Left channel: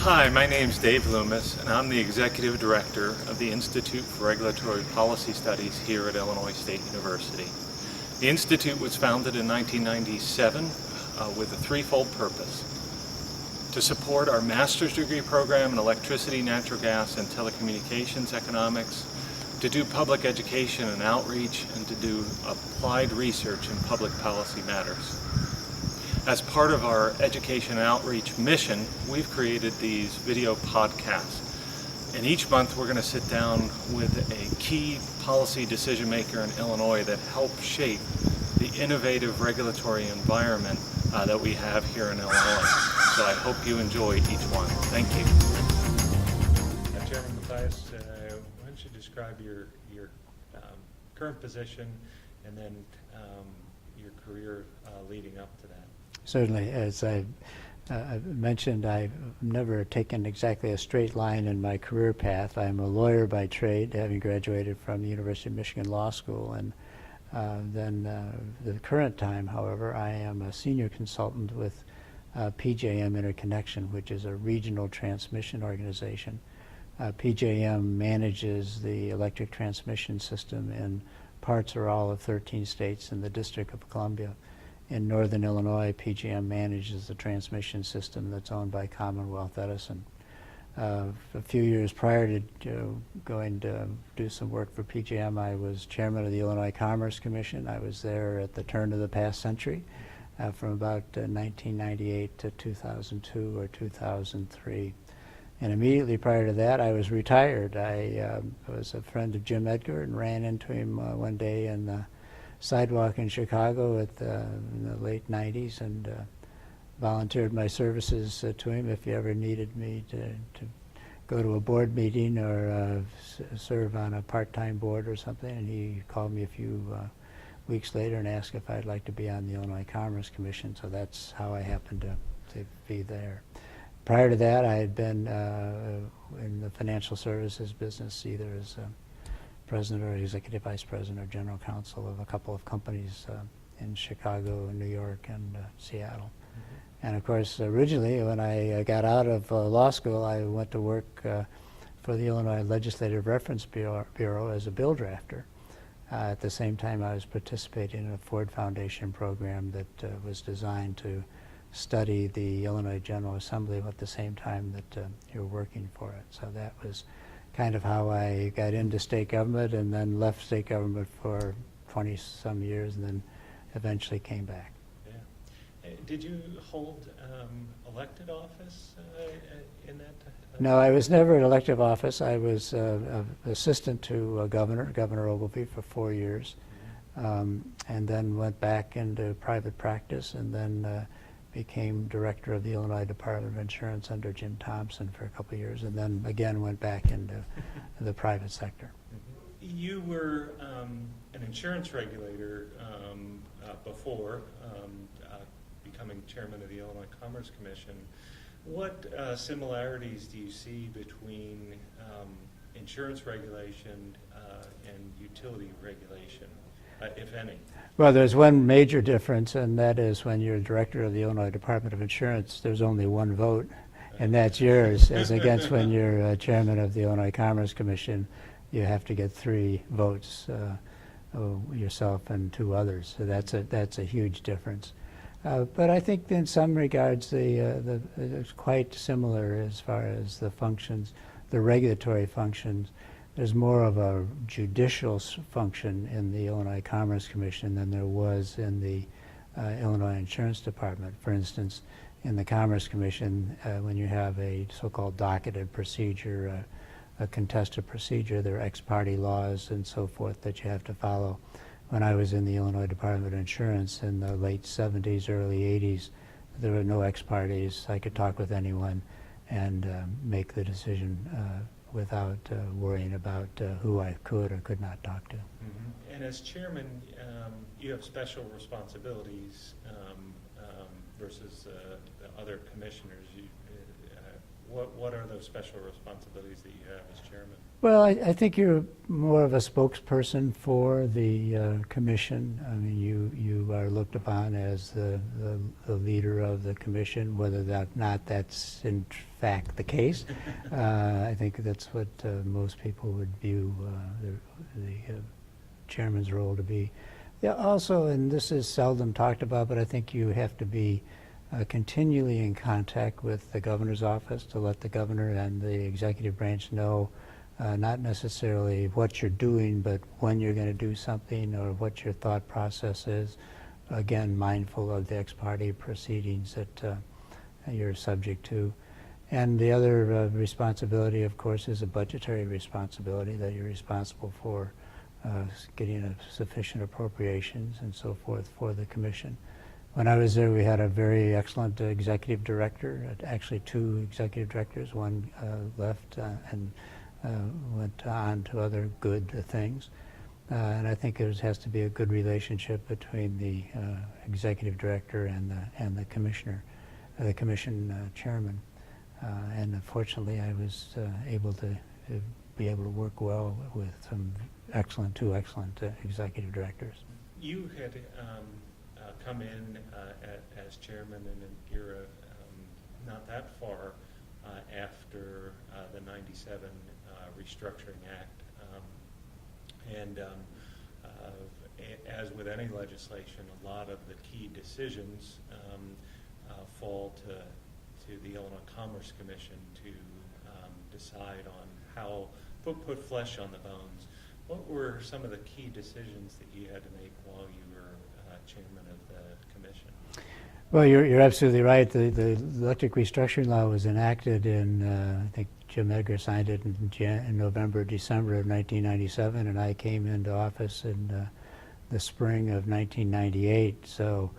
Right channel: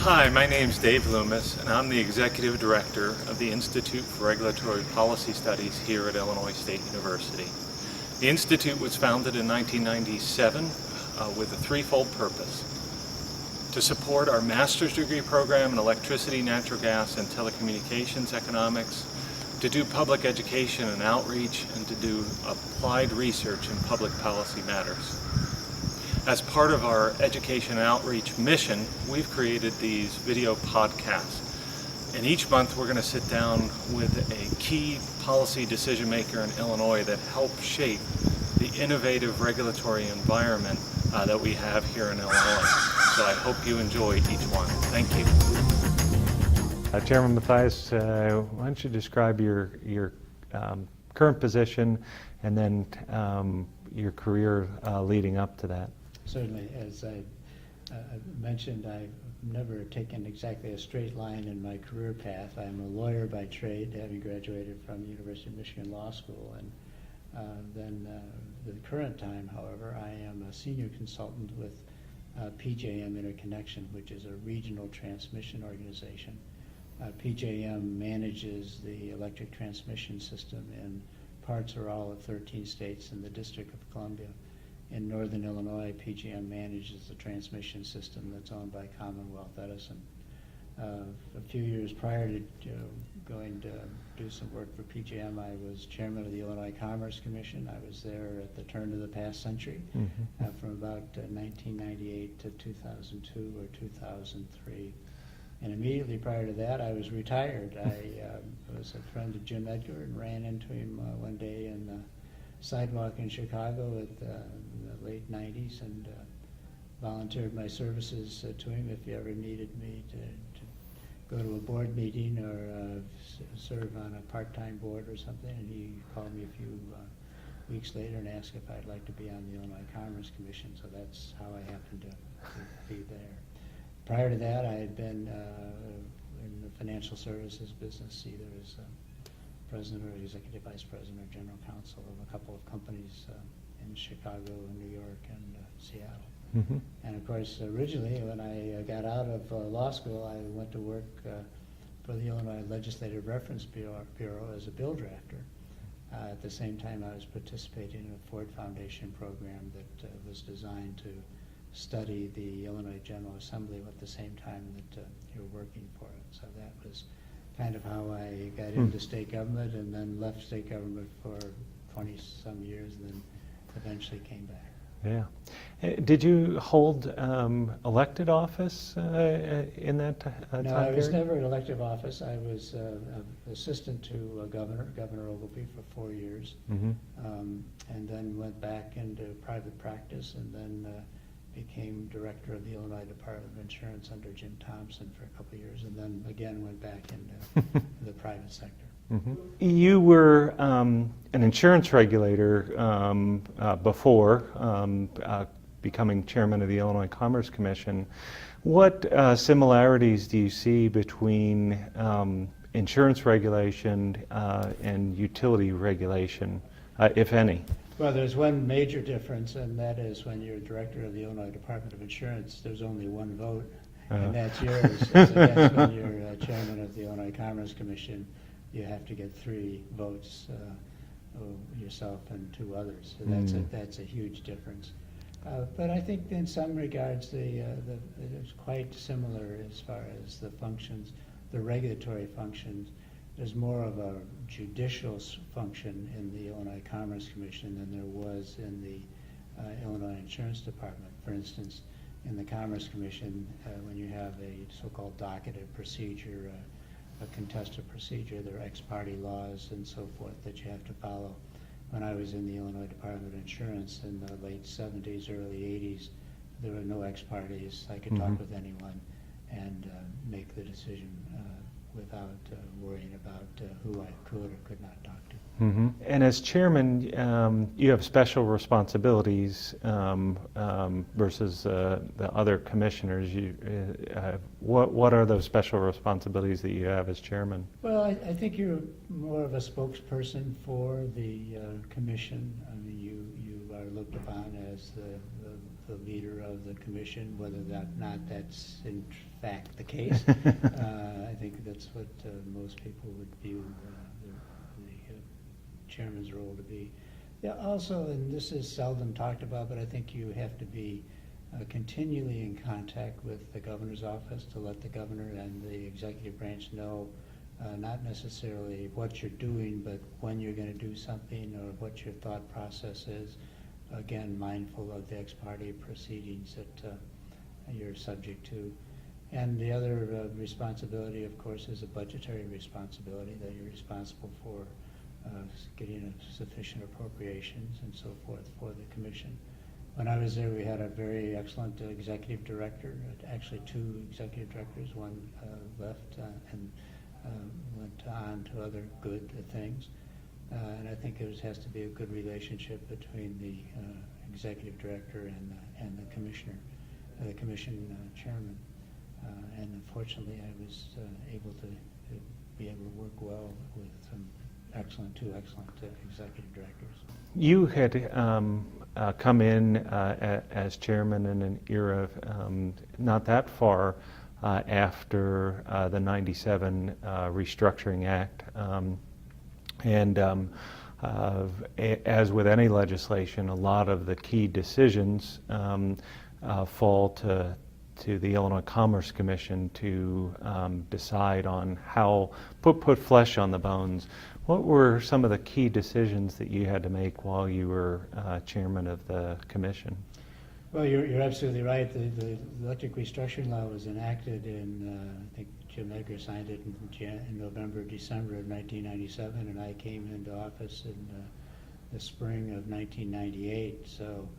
Hi, my name's Dave Loomis, and I'm the Executive Director of the Institute for Regulatory Policy Studies here at Illinois State University. The Institute was founded in 1997 with a threefold purpose: to support our master's degree program in electricity, natural gas, and telecommunications economics, to do public education and outreach, and to do applied research in public policy matters. As part of our education and outreach mission, we've created these video podcasts. And each month we're going to sit down with a key policy decision maker in Illinois that helps shape the innovative regulatory environment that we have here in Illinois. So I hope you enjoy each one. Thank you. Chairman Mathias, why don't you describe your current position and then your career leading up to that? Certainly. As I mentioned, I've never taken exactly a straight line in my career path. I'm a lawyer by trade, having graduated from the University of Michigan Law School. And then the current time, however, I am a senior consultant with PJM Interconnection, which is a regional transmission organization. PJM manages the electric transmission system in parts or all of 13 states in the District of Columbia. In northern Illinois, PJM manages the transmission system that's owned by Commonwealth Edison. A few years prior to going to do some work for PJM, I was chairman of the Illinois Commerce Commission. I was there at the turn of the past century, from about 1998 to 2002 or 2003. And immediately prior to that, I was retired. I was a friend of Jim Edgar and ran into him one day in the sidewalk in Chicago in the late 90s, and volunteered my services to him if he ever needed me to go to a board meeting or serve on a part-time board or something. And he called me a few weeks later and asked if I'd like to be on the Illinois Commerce Commission, so that's how I happened to be there. Prior to that, I had been in the financial services business, either as president or executive vice president or general counsel of a couple of companies in Chicago, New York, and Seattle. And of course, originally when I got out of law school, I went to work for the Illinois Legislative Reference Bureau as a bill drafter. At the same time, I was participating in a Ford Foundation program that was designed to study the Illinois General Assembly at the same time that you're working for it. So that was kind of how I got into state government, and then left state government for 20-some years, and then eventually came back. Yeah. Did you hold elected office in that time? No, I was never in elective office. I was assistant to Governor Ogilvie, for 4 years, and then went back into private practice, and then became director of the Illinois Department of Insurance under Jim Thompson for a couple of years, and then again went back into the private sector. You were an insurance regulator before becoming chairman of the Illinois Commerce Commission. What similarities do you see between insurance regulation and utility regulation, if any? Well, there's one major difference, and that is when you're director of the Illinois Department of Insurance, there's only one vote, and that's yours, as against when you're chairman of the Illinois Commerce Commission, you have to get 3 votes, yourself and 2 others. So that's a huge difference. But I think in some regards it's quite similar as far as the functions, the regulatory functions. There's more of a judicial function in the Illinois Commerce Commission than there was in the Illinois Insurance Department. For instance, in the Commerce Commission, when you have a so-called docketed procedure, a contested procedure, there are ex parte laws and so forth that you have to follow. When I was in the Illinois Department of Insurance in the late 70s, early 80s, there were no ex partes. I could talk with anyone and make the decision without worrying about who I could or could not talk to. And as chairman, you have special responsibilities versus the other commissioners. What are those special responsibilities that you have as chairman? Well, I think you're more of a spokesperson for the commission. I mean, you are looked upon as the leader of the commission, whether or not that's in fact the case. I think that's what most people would view the chairman's role to be. Yeah, also, and this is seldom talked about, but I think you have to be continually in contact with the governor's office to let the governor and the executive branch know not necessarily what you're doing, but when you're going to do something or what your thought process is. Again, mindful of the ex parte proceedings that you're subject to. And the other responsibility, of course, is a budgetary responsibility, that you're responsible for getting sufficient appropriations and so forth for the commission. When I was there, we had a very excellent executive director, actually two executive directors. One left and went on to other good things. And I think it has to be a good relationship between the executive director and the commissioner, the commission chairman. And unfortunately, I was able to be able to work well with some two excellent executive directors. You had come in as chairman in an era not that far after the '97 Restructuring Act. As with any legislation, a lot of the key decisions fall to the Illinois Commerce Commission to decide on how, put flesh on the bones. What were some of the key decisions that you had to make while you were chairman of the commission? Well, you're absolutely right. The electric restructuring law was enacted in, I think Jim Edgar signed it in November, December of 1997, and I came into office in the spring of 1998. So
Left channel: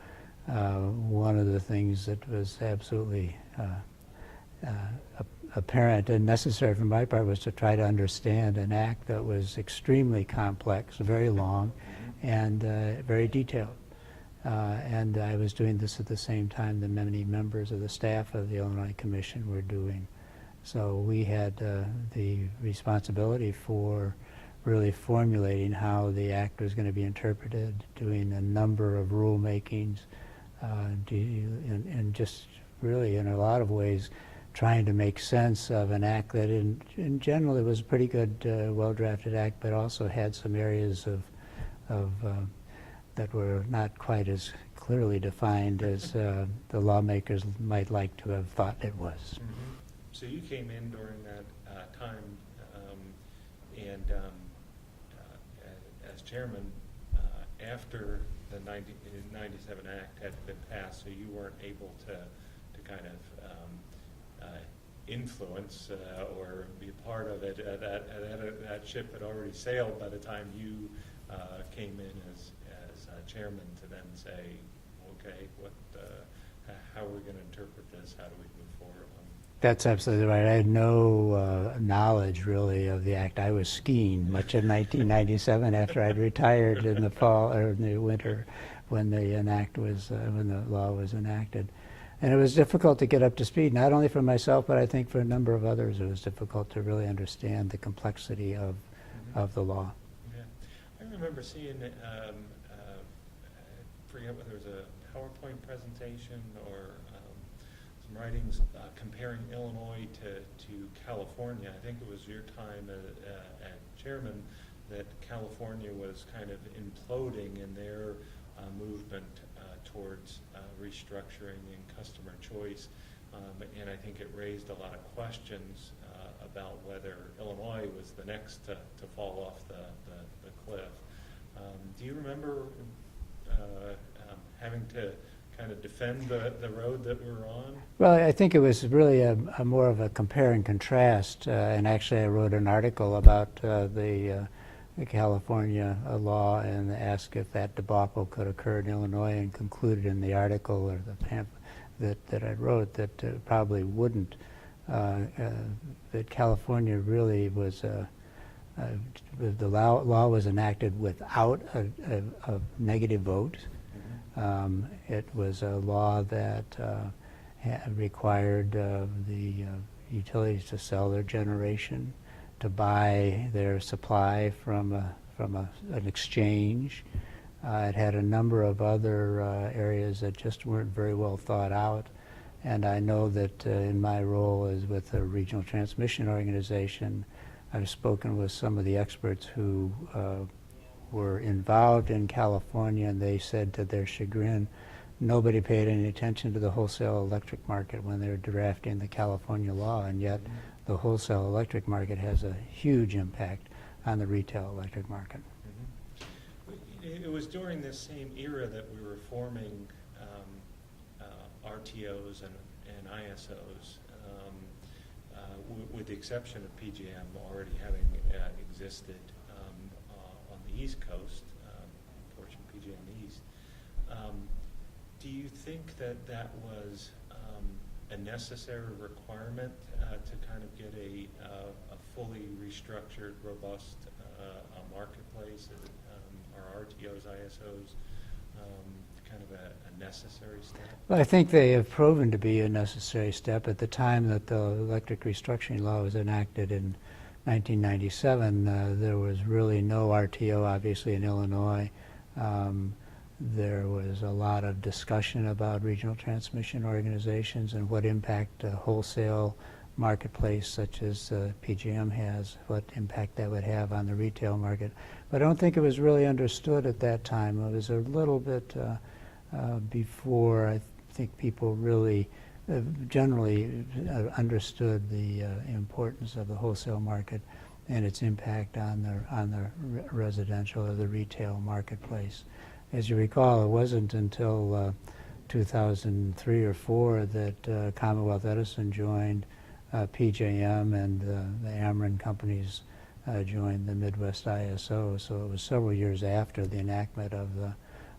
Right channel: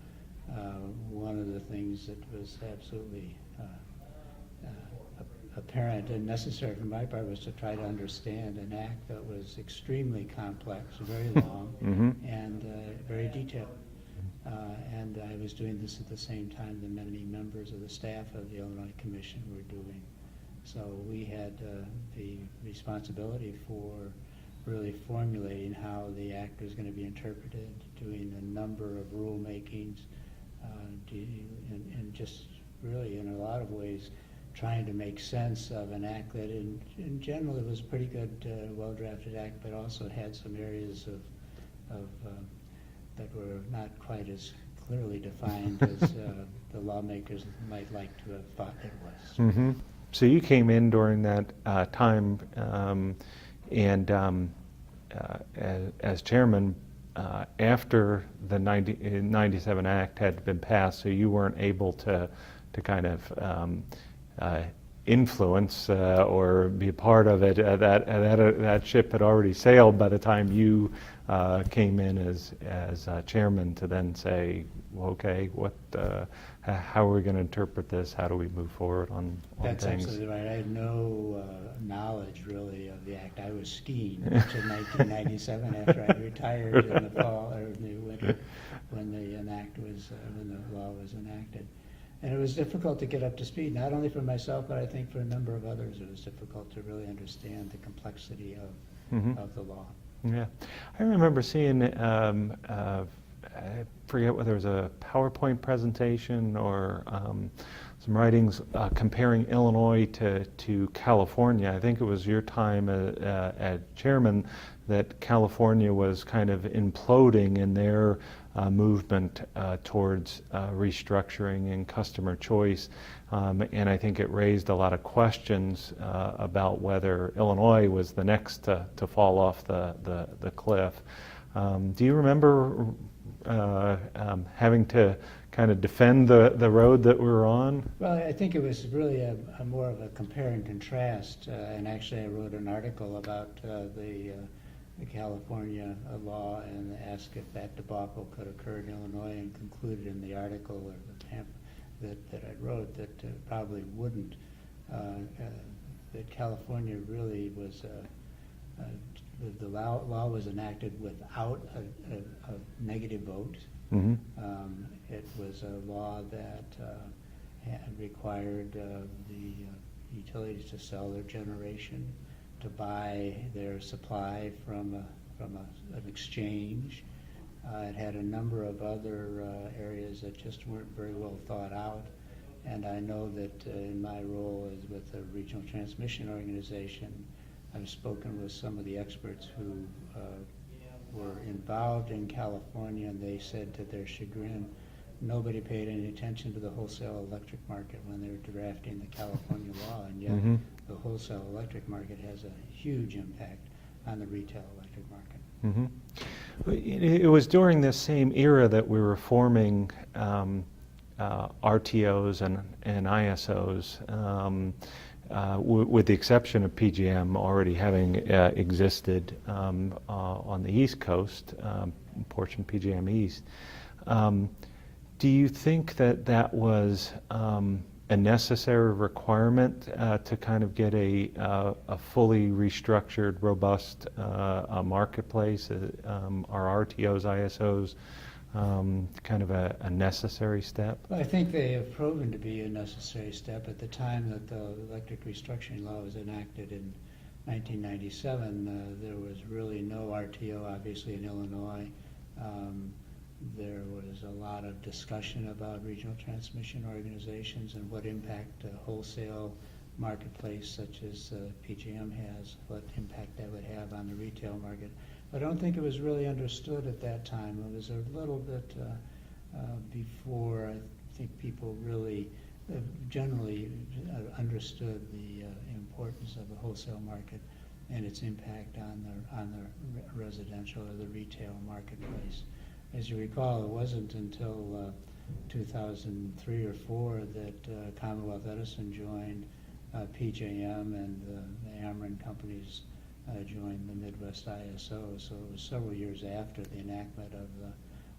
one of the things that was absolutely apparent and necessary from my part was to try to understand an act that was extremely complex, very long, and very detailed. And I was doing this at the same time that many members of the staff of the Illinois Commission were doing. So we had the responsibility for really formulating how the act was going to be interpreted, doing a number of rulemakings, and just really in a lot of ways trying to make sense of an act that in general it was a pretty good, well-drafted act, but also had some areas of that were not quite as clearly defined as the lawmakers might like to have thought it was. Mm-hmm. So you came in during that time and as chairman after the 97 Act had been passed, so you weren't able to kind of influence or be a part of it. That ship had already sailed by the time you came in as chairman to then say, well, okay, how are we going to interpret this? How do we move forward on That's things? absolutely right. I had no knowledge really of the act. I was skiing much in 1997 after I'd retired in the fall or in the winter when the law was enacted. And it was difficult to get up to speed, not only for myself, but I think for a number of others. It was difficult to really understand the complexity of the law. Yeah, I remember seeing, I forget whether it was a PowerPoint presentation or some writings comparing Illinois to California. I think it was your time as chairman that California was kind of imploding in their movement towards restructuring and customer choice. And I think it raised a lot of questions about whether Illinois was the next to fall off the cliff. Do you remember having to kind of defend the road that we were on? Well, I think it was really a more of a compare and contrast. And actually I wrote an article about the California law and asked if that debacle could occur in Illinois, and concluded in the article or the pamphlet that I wrote that it probably wouldn't. That California really was the law was enacted without a negative vote. Mm-hmm. It was a law that required the utilities to sell their generation, to buy their supply from an exchange. It had a number of other areas that just weren't very well thought out. And I know that in my role as with the Regional Transmission Organization, I've spoken with some of the experts who were involved in California, and they said to their chagrin, nobody paid any attention to the wholesale electric market when they were drafting the California law, and yet the wholesale electric market has a huge impact on the retail electric market. It was during this same era that we were forming RTOs and ISOs, with the exception of PGM already having existed on the East Coast, portion PGM East. Do you think that that was a necessary requirement to kind of get a fully restructured, robust marketplace? Are RTOs, ISOs kind of a necessary step? Well, I think they have proven to be a necessary step. At the time that the electric restructuring law was enacted in 1997, there was really no RTO, obviously, in Illinois. There was a lot of discussion about regional transmission organizations and what impact a wholesale marketplace such as PGM has, what impact that would have on the retail market. But I don't think it was really understood at that time. It was a little bit before I think people really generally understood the importance of the wholesale market and its impact on the residential or the retail marketplace. As you recall, it wasn't until 2003 or 4 that Commonwealth Edison joined PJM, and the Ameren companies joined the Midwest ISO. So it was several years after the enactment of the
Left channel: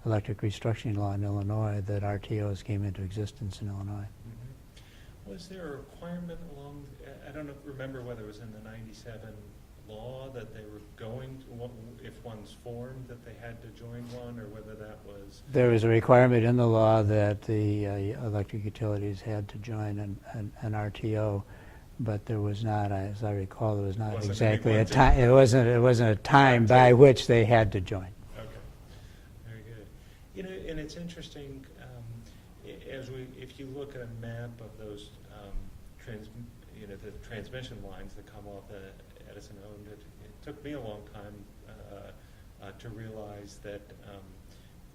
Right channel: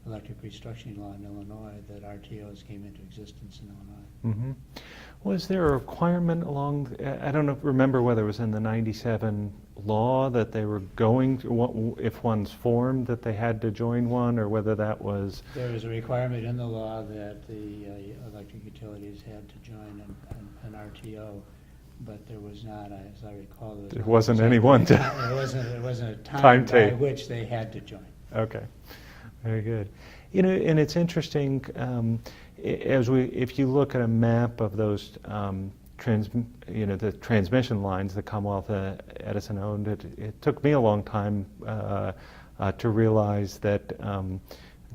electric restructuring law in Illinois that RTOs came into existence in Illinois. Was there a requirement along, I don't remember whether it was in the 97 law that they were going to, if one's formed, that they had to join one, or whether that was... There was a requirement in the law that the electric utilities had to join an RTO, but there was not, as I recall, there was not wasn't exactly anyone it wasn't a time by which they had to join. Okay, very good. You know, and it's interesting, if you look at a map of those the transmission lines that Commonwealth Edison owned, it took me a long time to realize that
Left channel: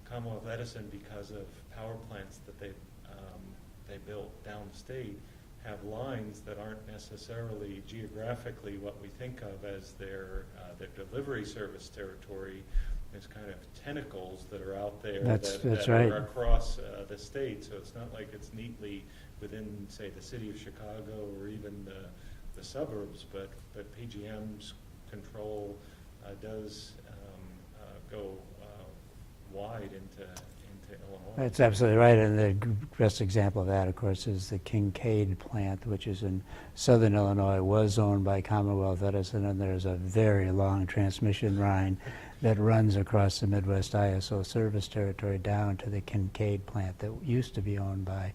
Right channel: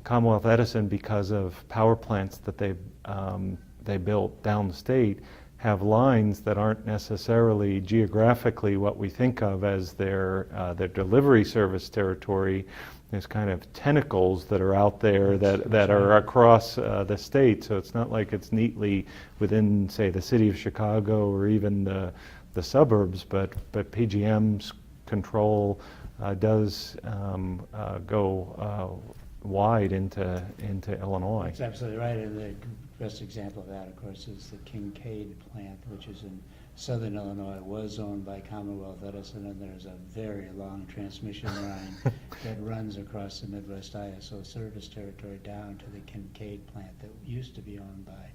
Commonwealth Edison, because of power plants that they built down the state, have lines that aren't necessarily geographically what we think of as their delivery service territory. There's kind of tentacles that are out there that are across the state. So it's not like it's neatly within, say, the city of Chicago or even the suburbs, but PGM's control does go wide into Illinois. That's absolutely right, and the best example of that, of course, is the Kincaid plant, which is in southern Illinois, was owned by Commonwealth Edison, and there's a very long transmission line that runs across the Midwest ISO service territory down to the Kincaid plant that used to be owned by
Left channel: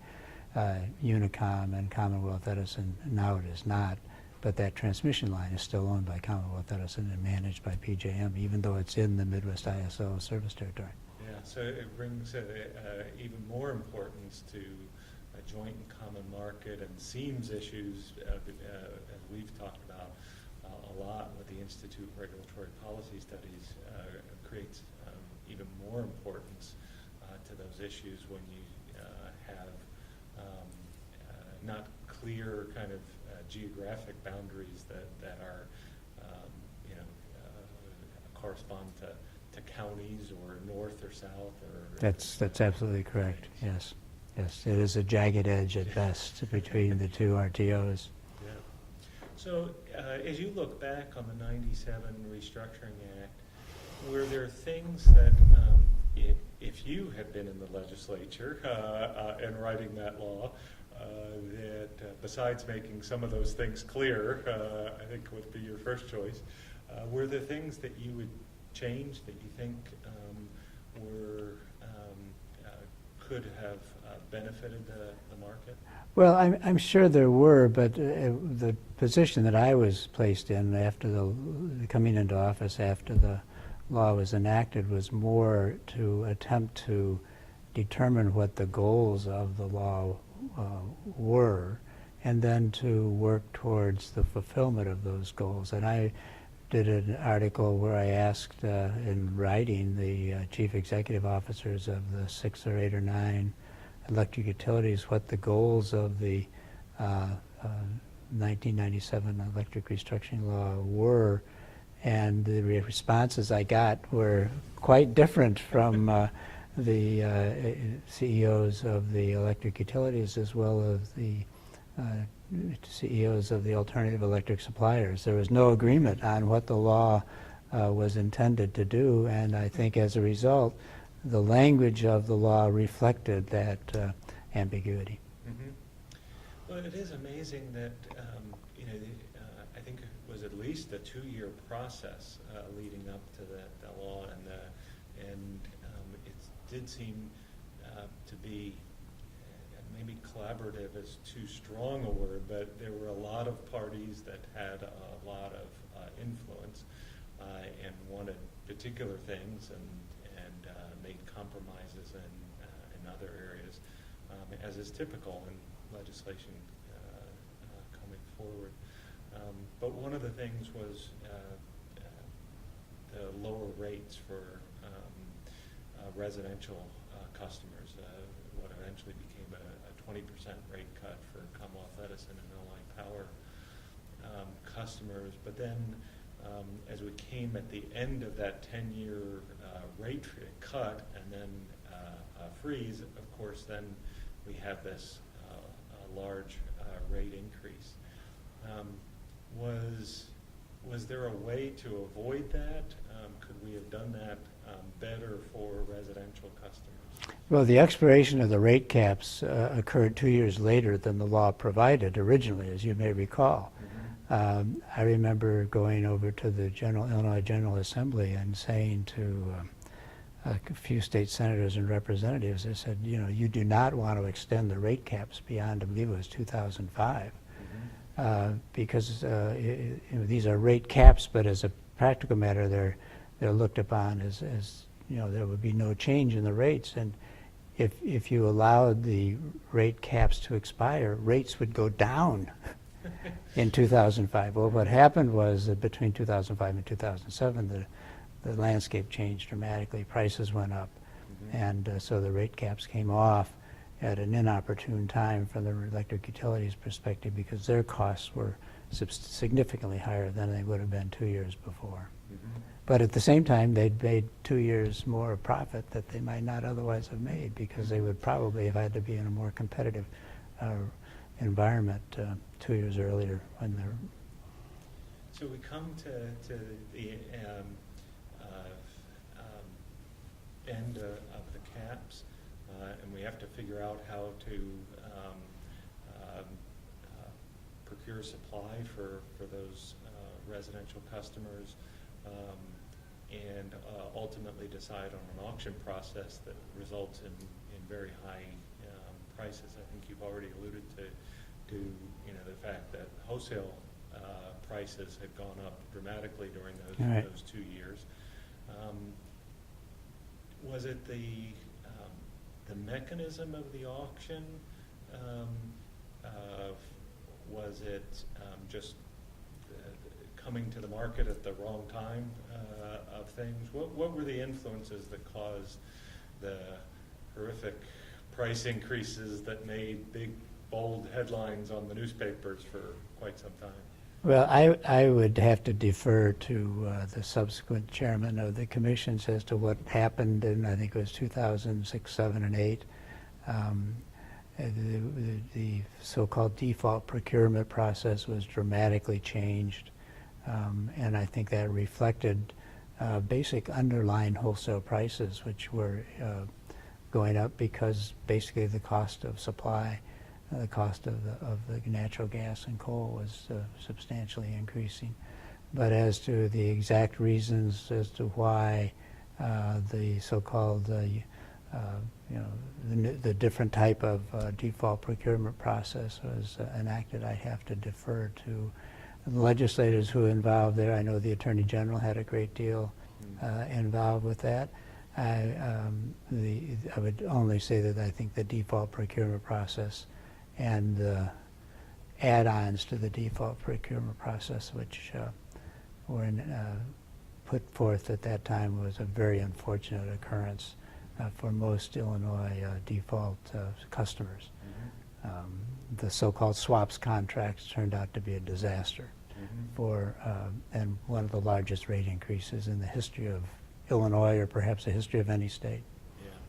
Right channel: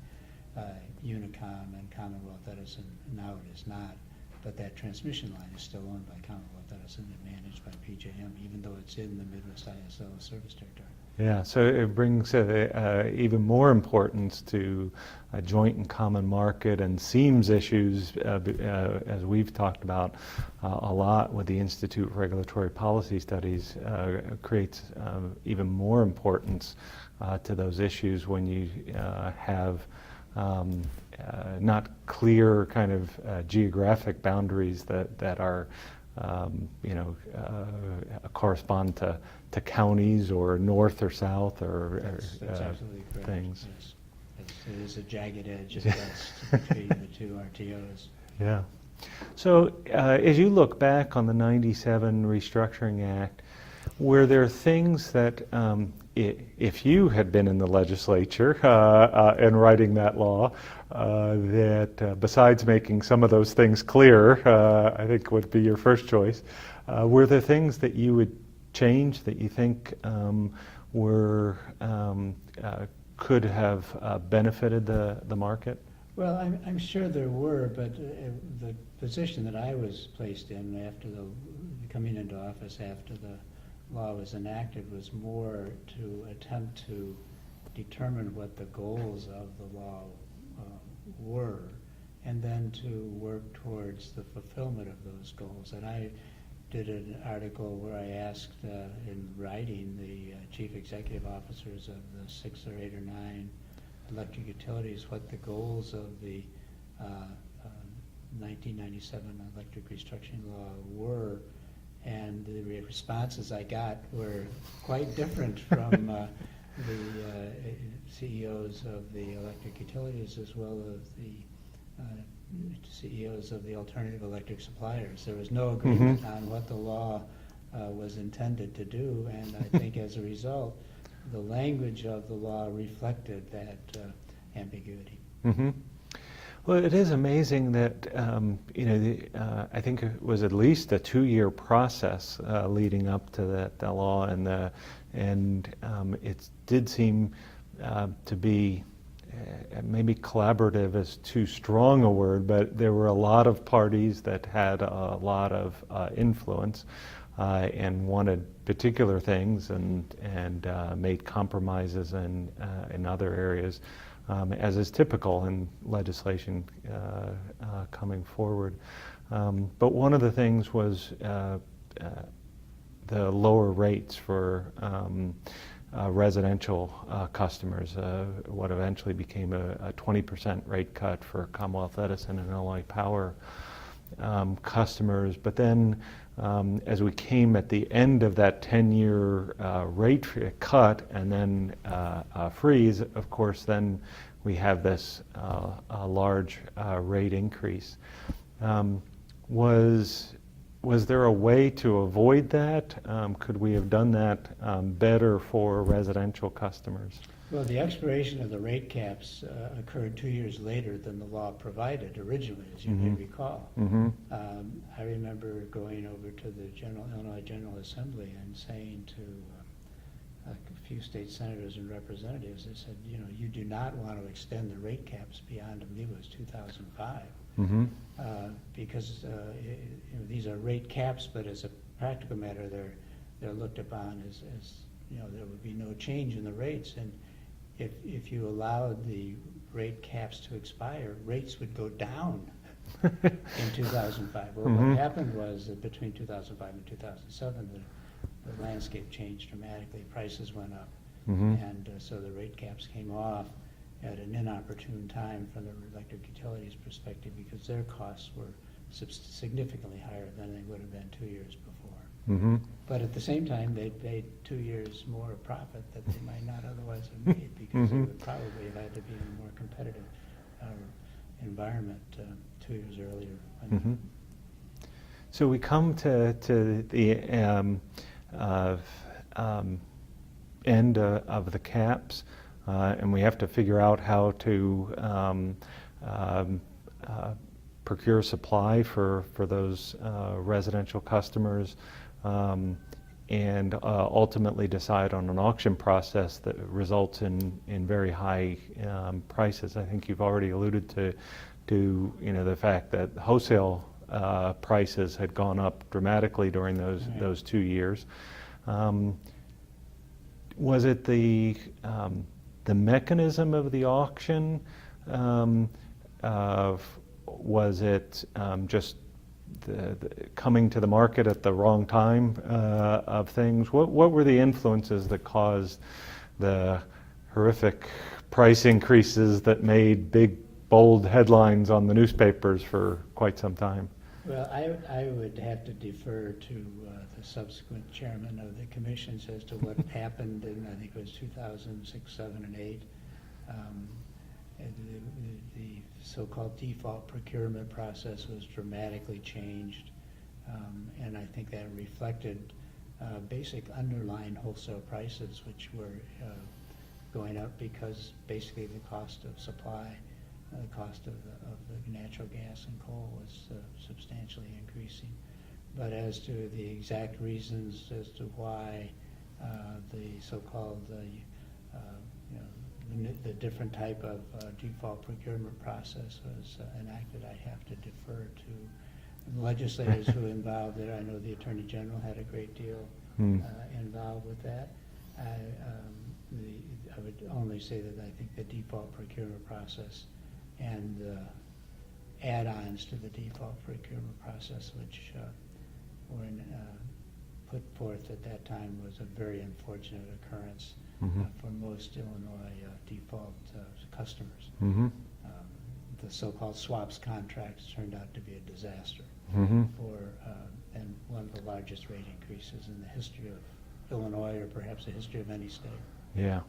Unicom and Commonwealth Edison. Now it is not, but that transmission line is still owned by Commonwealth Edison and managed by PJM, even though it's in the Midwest ISO service territory. Yeah, so it brings even more importance to a joint and common market, and seems issues, as we've talked about a lot with the Institute for Regulatory Policy Studies, creates even more importance to those issues when you have not clear kind of geographic boundaries that are, correspond to counties or north or south or... That's absolutely correct, things. Yes. Yes, it is a jagged edge at best between the two RTOs. Yeah. So as you look back on the 97 Restructuring Act, were there things that, if you had been in the legislature and writing that law, that besides making some of those things clear, I think would be your first choice, were there things that you would change that you think were could have benefited the market? Well, I'm sure there were, but the position that I was placed in after coming into office after the law was enacted was more to attempt to determine what the goals of the law were, and then to work towards the fulfillment of those goals. And I did an article where I asked in writing the chief executive officers of the 6 or 8 or 9 electric utilities what the goals of the 1997 electric restructuring law were, and the responses I got were quite different from the CEOs of the electric utilities as well as the CEOs of the alternative electric suppliers. There was no agreement on what the law was intended to do, and I think as a result, the language of the law reflected that ambiguity. Well, it is amazing that I think it was at least a 2-year process leading up to the law, and it did seem to be maybe collaborative is too strong a word, but there were a lot of parties that had a lot of influence and wanted particular things and made compromises in other areas, as is typical in legislation coming forward. But one of the things was the lower rates for residential customers, what eventually became a 20% rate cut for Commonwealth Edison and Illinois Power customers. But then as we came at the end of that 10-year rate cut and then freeze, of course, then we have this large rate increase. Was there a way to avoid that? Could we have done that better for residential customers? Well, the expiration of the rate caps occurred 2 years later than the law provided originally, as you may recall. I remember going over to the Illinois General Assembly and saying to a few state senators and representatives, I said, you do not want to extend the rate caps beyond, I believe it was 2005. Because these are rate caps, but as a practical matter, they're looked upon as there would be no change in the rates. And if you allowed the rate caps to expire, rates would go down in 2005. Well, what happened was that between 2005 and 2007, the landscape changed dramatically. Prices went up, and so the rate caps came off at an inopportune time from the electric utilities perspective because their costs were significantly higher than they would have been 2 years before. But at the same time, they'd made 2 years more of profit that they might not otherwise have made because they would probably have had to be in a more competitive environment 2 years earlier. So we come to the end of the caps. And we have to figure out how to procure supply for those residential customers and ultimately decide on an auction process that results in very high prices. I think you've already alluded to the fact that wholesale prices had gone up dramatically during those 2 years. Was it the mechanism of the auction? Was it just the coming to the market at the wrong time of things? What were the influences that caused the horrific price increases that made big, bold headlines on the newspapers for quite some time? Well, I would have to defer to the subsequent chairman of the commissions as to what happened in, I think it was 2006, 7, and 8. The so-called default procurement process was dramatically changed, and I think that reflected basic underlying wholesale prices, which were going up because basically the cost of supply, the cost of the natural gas and coal was substantially increasing. But as to the exact reasons as to why the so-called the different type of default procurement process was enacted, I have to defer to the legislators who are involved there. I know the Attorney General had a great deal involved with that. I would only say that I think the default procurement process and the add-ons to the default procurement process, which were put forth at that time, was a very unfortunate occurrence for most Illinois default customers. The so-called swaps contracts turned out to be a disaster for and one of the largest rate increases in the history of Illinois, or perhaps the history of any state. Yeah.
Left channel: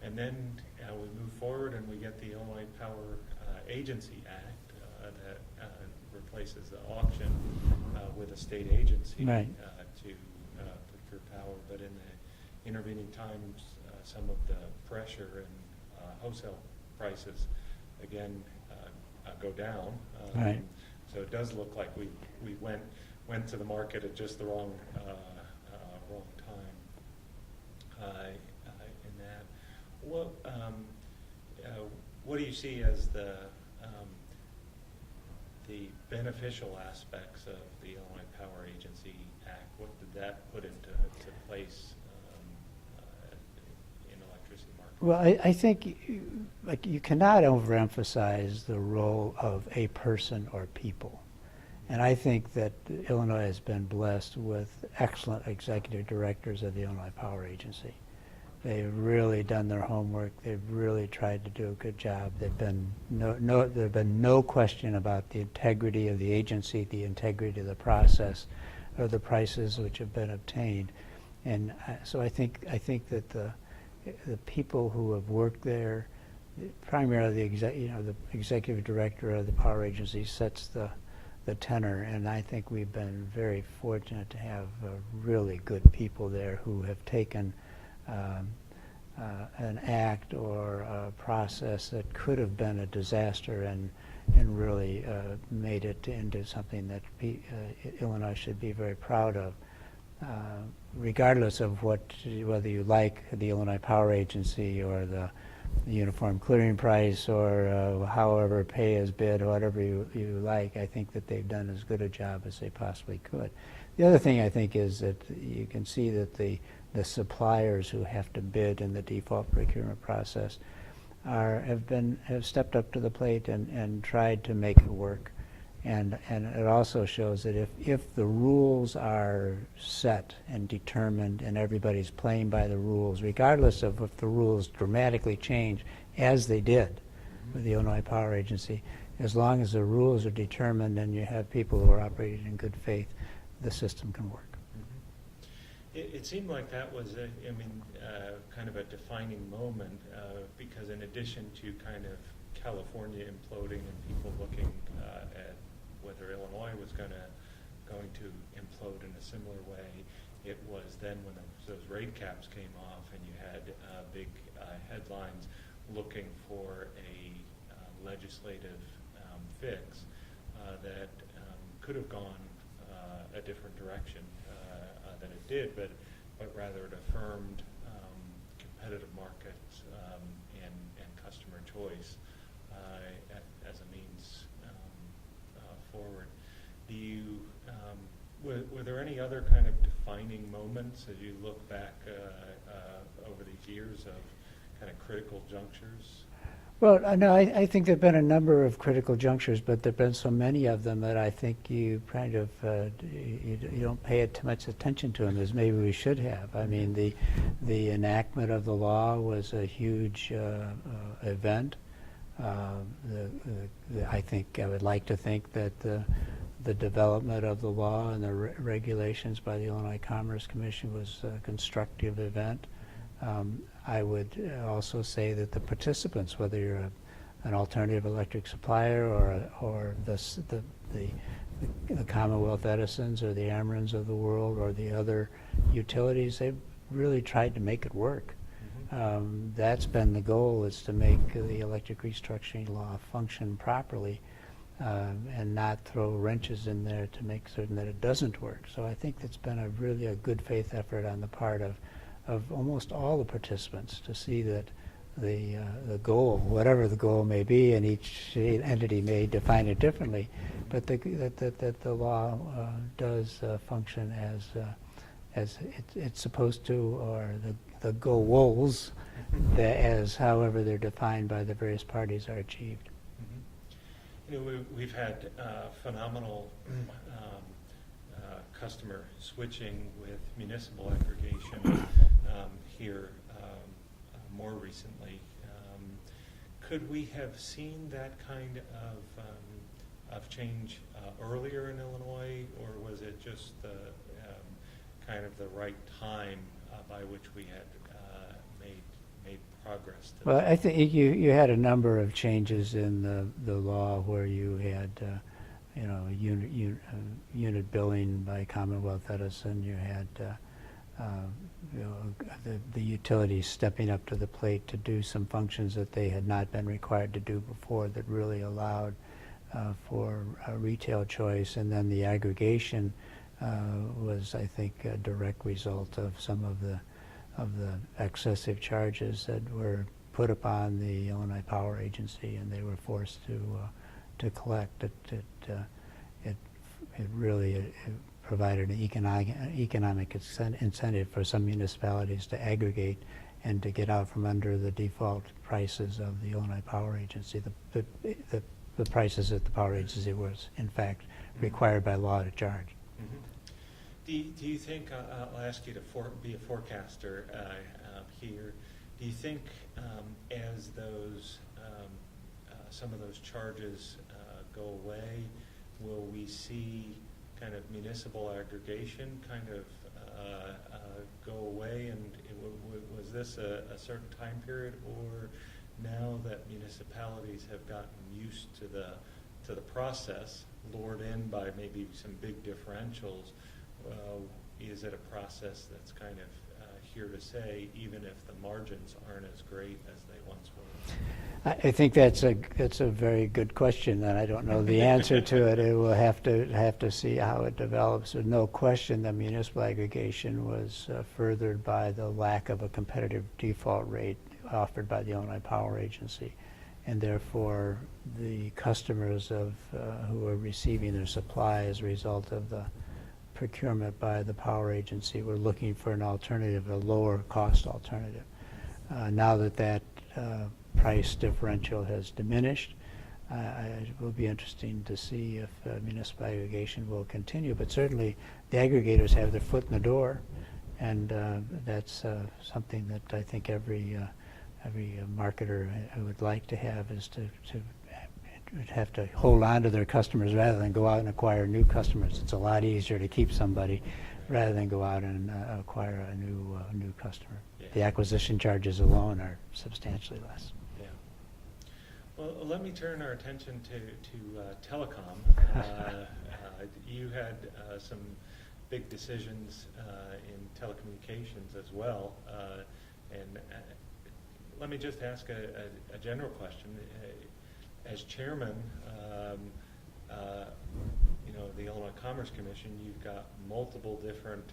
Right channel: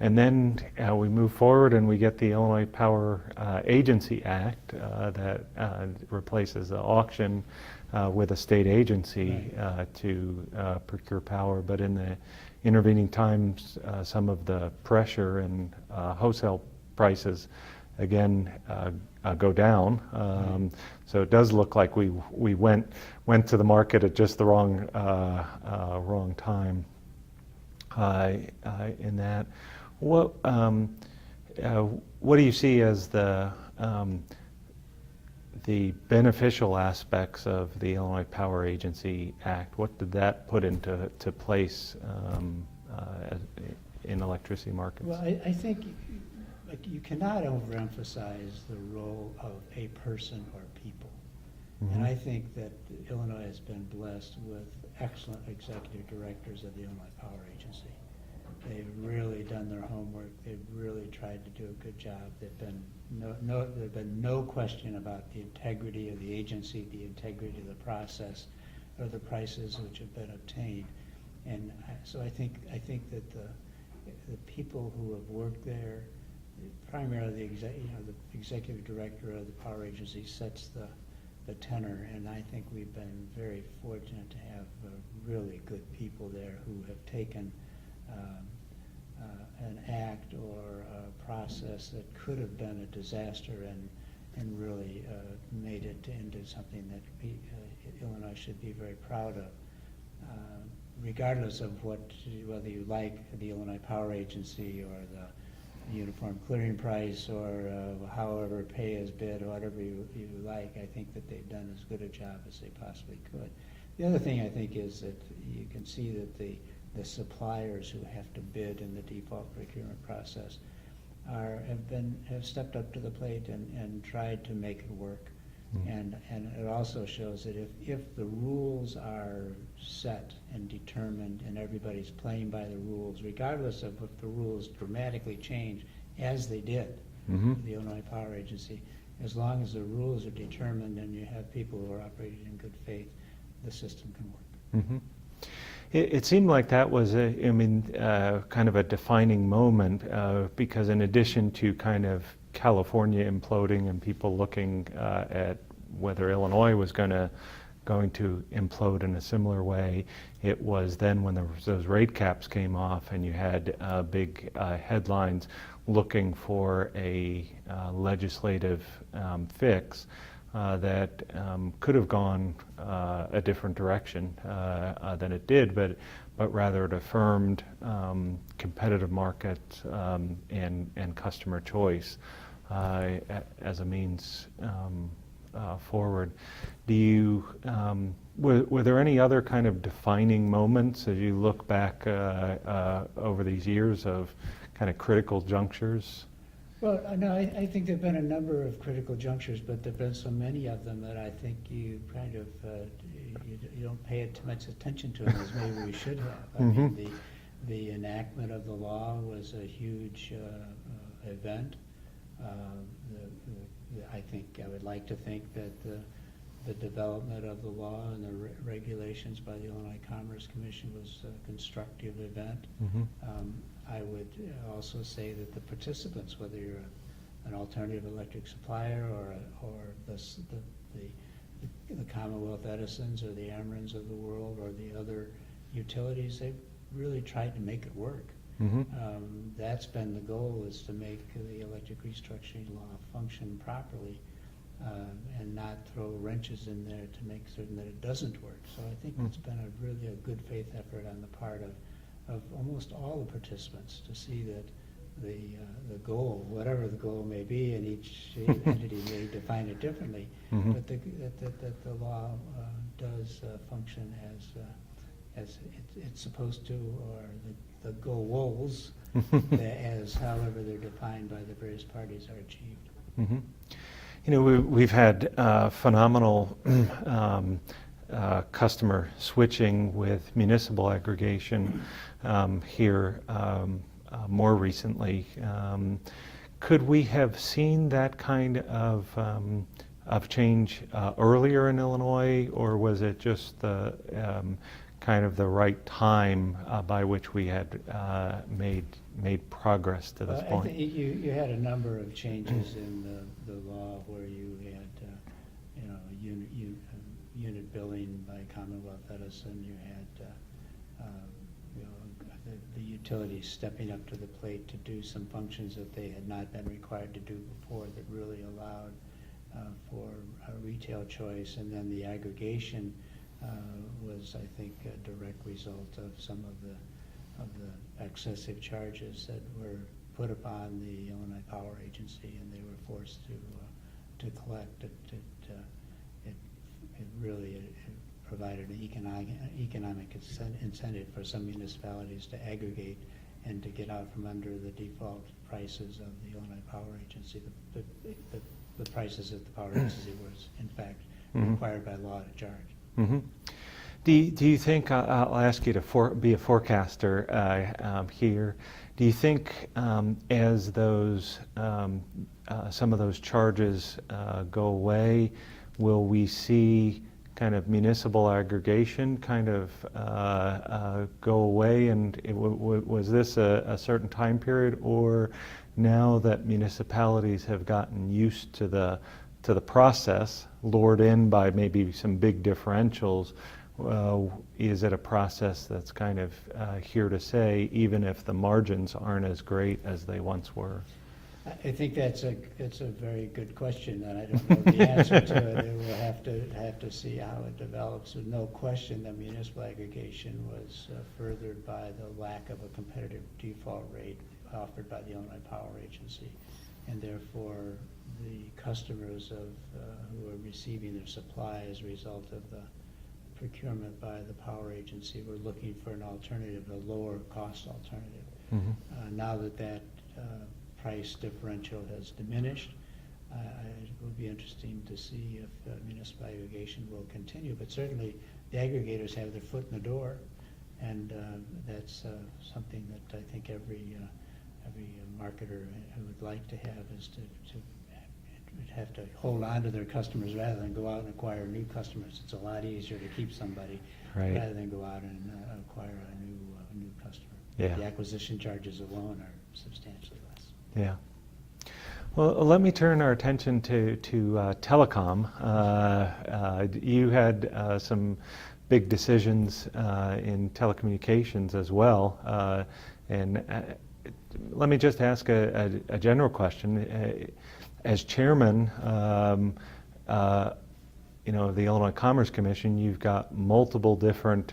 And then we move forward and we get the Illinois Power Agency Act that replaces the auction with a state agency to procure power. But in the intervening times, some of the pressure and wholesale prices again go down. So it does look like we went to the market at just the wrong time in that. What do you see as the beneficial aspects of the Illinois Power Agency Act? What did that put into place in electricity markets? Well, I think you cannot overemphasize the role of a person or people. And I think that Illinois has been blessed with excellent executive directors of the Illinois Power Agency. They've really done their homework. They've really tried to do a good job. There've been no question about the integrity of the agency, the integrity of the process, or the prices which have been obtained. And so I think that the people who have worked there, primarily the executive director of the power agency, sets the tenor, and I think we've been very fortunate to have really good people there who have taken an act or a process that could have been a disaster and really made it into something that Illinois should be very proud of, regardless of whether you like the Illinois Power Agency or the uniform clearing price or however pay as bid or whatever you like. I think that they've done as good a job as they possibly could. The other thing I think is that you can see that the suppliers who have to bid in the default procurement process have stepped up to the plate and tried to make it work. And it also shows that if the rules are set and determined and everybody's playing by the rules, regardless of if the rules dramatically change, as they did with the Illinois Power Agency, as long as the rules are determined and you have people who are operating in good faith, the system can work. It seemed like that was, kind of a defining moment because in addition to kind of California imploding and people looking at whether Illinois was going to implode in a similar way, it was then when those rate caps came off and you had big headlines looking for a legislative fix that could have gone a different direction than it did, but rather it affirmed competitive markets and customer choice as a means forward. Do you were there any other kind of defining moments as you look back over these years of kind of critical junctures? Well, no, I think there have been a number of critical junctures, but there have been so many of them that I think you kind of you don't pay too much attention to them as maybe we should have. I mean, the enactment of the law was a huge event. I think I would like to think that the development of the law and the regulations by the Illinois Commerce Commission was a constructive event. I would also say that the participants, whether you're an alternative electric supplier or the Commonwealth Edisons or the Amerons of the world or the other utilities, they've really tried to make it work. That's been the goal, is to make the electric restructuring law function properly and not throw wrenches in there to make certain that it doesn't work. So I think it's been really a good faith effort on the part of almost all the participants to see that the goal, whatever the goal may be, and each entity may define it differently, but that the law does function as it's supposed to, or the goals as however they're defined by the various parties are achieved. Mhm. You know, we've had phenomenal customer switching with municipal aggregation here more recently. Could we have seen that kind of change earlier in Illinois, or was it just the kind of the right time by which we had made progress to Well, this I point? think you had a number of changes in the law where you had, unit billing by Commonwealth Edison. You had, the utilities stepping up to the plate to do some functions that they had not been required to do before that really allowed for retail choice. And then the aggregation was, I think, a direct result of some of the excessive charges that were put upon the Illinois Power Agency, and they were forced to collect. It really provided an economic incentive for some municipalities to aggregate and to get out from under the default prices of the Illinois Power Agency. The prices that the Power Agency was, in fact, required by law to charge. Mm-hmm. Do you think, I'll ask you to be a forecaster here, do you think as those, some of those charges go away, will we see kind of municipal aggregation kind of go away? And was this a certain time period, or now that municipalities have gotten used to the process, lured in by maybe some big differentials, is it a process that's kind of here to stay, even if the margins aren't as great as they once were? I think that's a very good question, and I don't know the answer to it. It will have to see how it develops. There's no question that municipal aggregation was furthered by the lack of a competitive default rate offered by the Illinois Power Agency, and therefore the customers who are receiving their supply as a result of the procurement by the Power Agency were looking for an alternative, a lower cost alternative. Mm-hmm. Now that price differential has diminished, it will be interesting to see if municipal aggregation will continue. But certainly the aggregators have their foot in the door, and that's something that I think every marketer would like to have, is to have to hold on to their customers rather than go out and acquire new customers. It's a lot easier to keep somebody rather than go out and acquire a new customer. Yeah. The acquisition charges alone are substantially less. Yeah. Well, let me turn our attention to telecom. You had some big decisions in telecommunications as well, and let me just ask a general question. As chairman, the Illinois Commerce Commission, you've got multiple different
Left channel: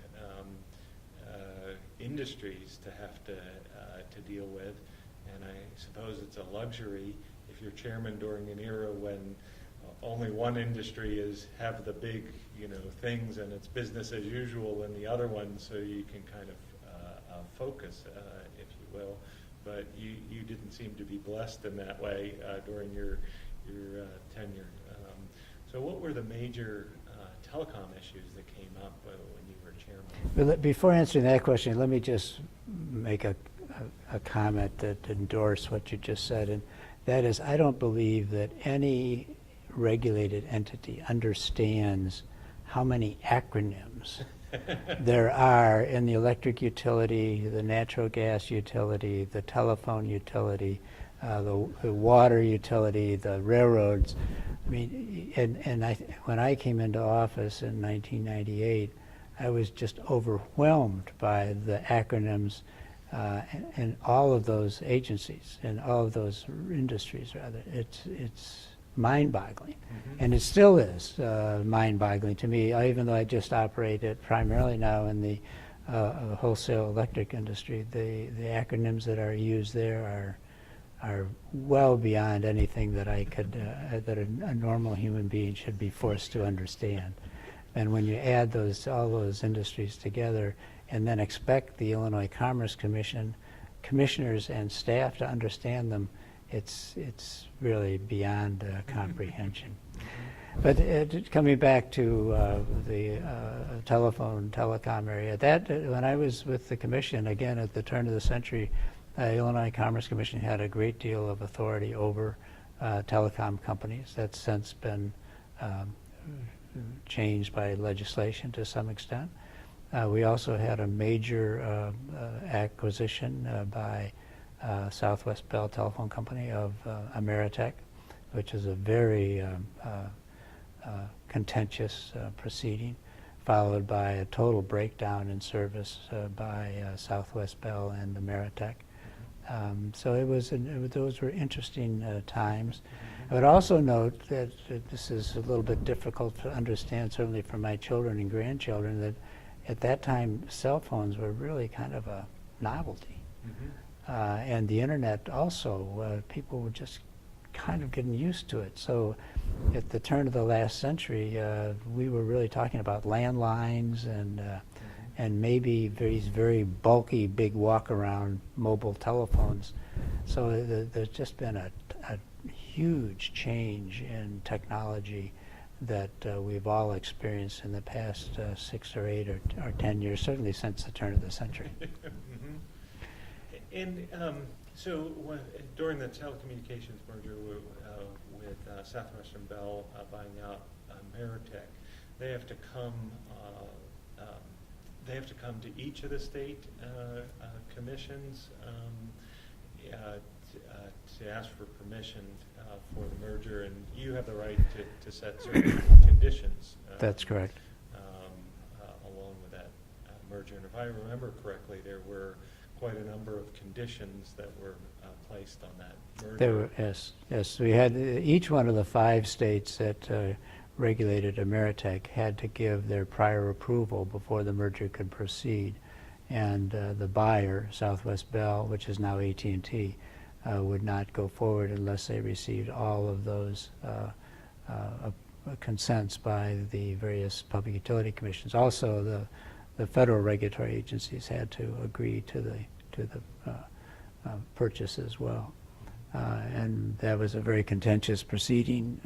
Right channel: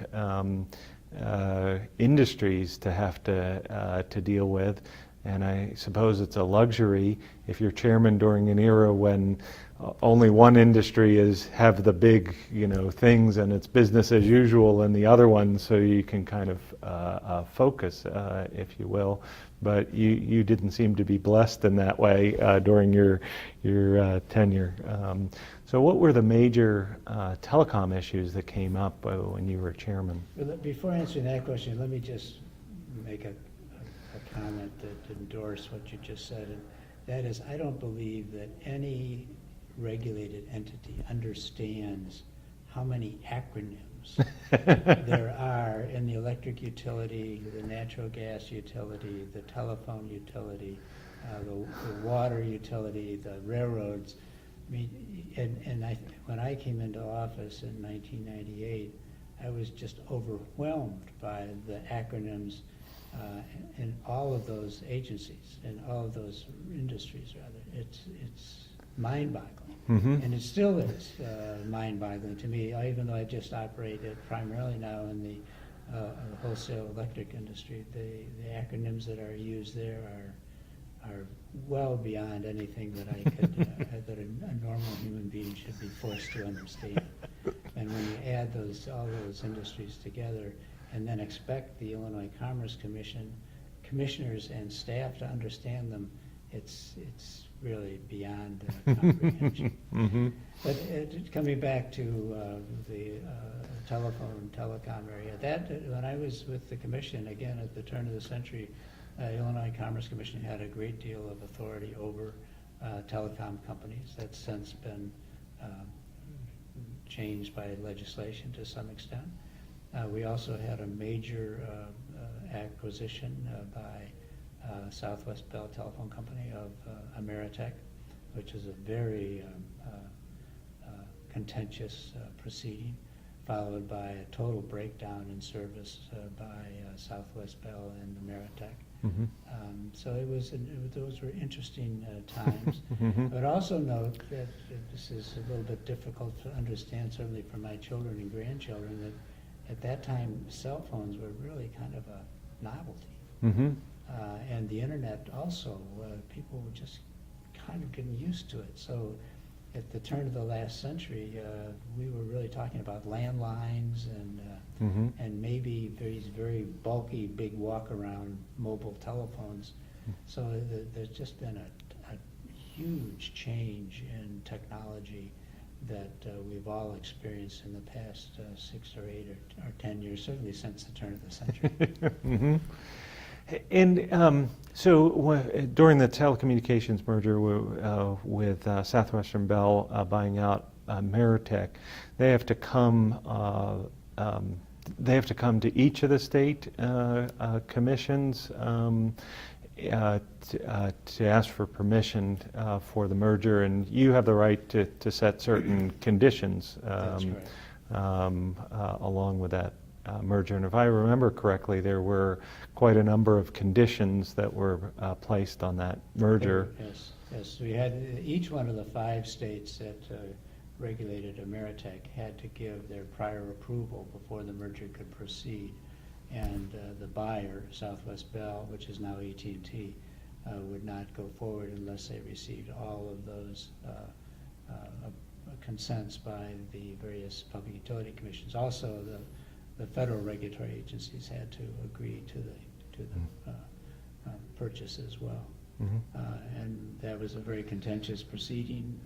industries to have to deal with, and I suppose it's a luxury if you're chairman during an era when only one industry have the big things and it's business as usual, and the other one, so you can kind of focus, if you will. But you didn't seem to be blessed in that way during your tenure. So what were the major telecom issues that came up when you were chairman? Before answering that question, let me just make a comment that endorse what you just said, and that is, I don't believe that any regulated entity understands how many acronyms there are in the electric utility, the natural gas utility, the telephone utility, the water utility, the railroads. I mean, and when I came into office in 1998, I was just overwhelmed by the acronyms in all of those agencies and all of those industries, rather. It's mind-boggling, and it still is mind-boggling to me, even though I just operate it primarily now in the wholesale electric industry. The acronyms that are used there are well beyond anything that I could that a normal human being should be forced to understand. And when you add all those industries together, and then expect the Illinois Commerce Commission commissioners and staff to understand them, it's really beyond comprehension. Mm-hmm. But coming back to the telecom area, when I was with the commission, again, at the turn of the century, Illinois Commerce Commission had a great deal of authority over telecom companies. That's since been changed by legislation to some extent. We also had a major acquisition by Southwest Bell Telephone Company of Ameritech, which is a very contentious proceeding, followed by a total breakdown in service by Southwest Bell and Ameritech. Mm-hmm. So those were interesting times. Mm-hmm. I would also note that this is a little bit difficult to understand, certainly for my children and grandchildren, that at that time cell phones were really kind of a novelty. Mm-hmm. And the internet also, people were just kind of getting used to it. So at the turn of the last century, we were really talking about landlines and maybe these very bulky, big walk-around mobile telephones. So there's just been a huge change in technology that we've all experienced in the past 6 or 8 or 10 years, certainly since the turn of the century. Mm-hmm. And so during the telecommunications merger with Southwestern Bell buying out Ameritech, they have to come to each of the state commissions to ask for permission for the merger, and you have the right to set certain conditions. That's correct. Along with that merger, and if I remember correctly, there were quite a number of conditions that were placed on that merger. Yes. We had each one of the 5 states that regulated Ameritech had to give their prior approval before the merger could proceed, and the buyer, Southwest Bell, which is now AT&T, would not go forward unless they received all of those consents by the various public utility commissions. Also, the federal regulatory agencies had to agree to the purchase as well. Mm-hmm. And that was a very contentious proceeding.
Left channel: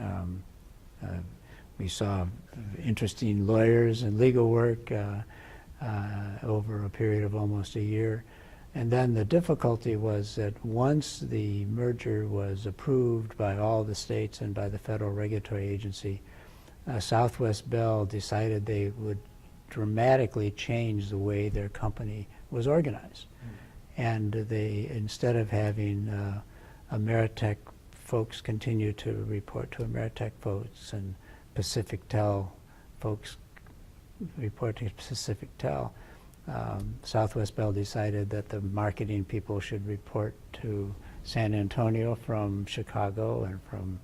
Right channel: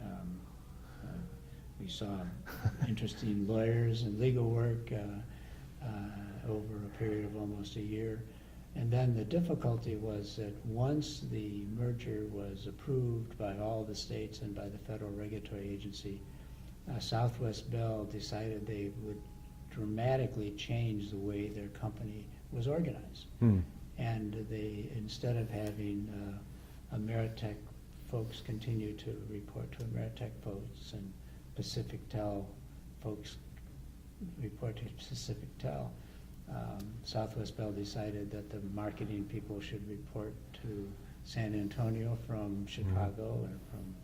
We saw interesting lawyers and legal work over a period of almost a year. And then the difficulty was that once the merger was approved by all the states and by the federal regulatory agency, Southwest Bell decided they would dramatically change the way their company was organized. And they, instead of having Ameritech folks continue to report to Ameritech folks and PacificTel folks report to PacificTel, Southwest Bell decided that the marketing people should report to San Antonio from Chicago and from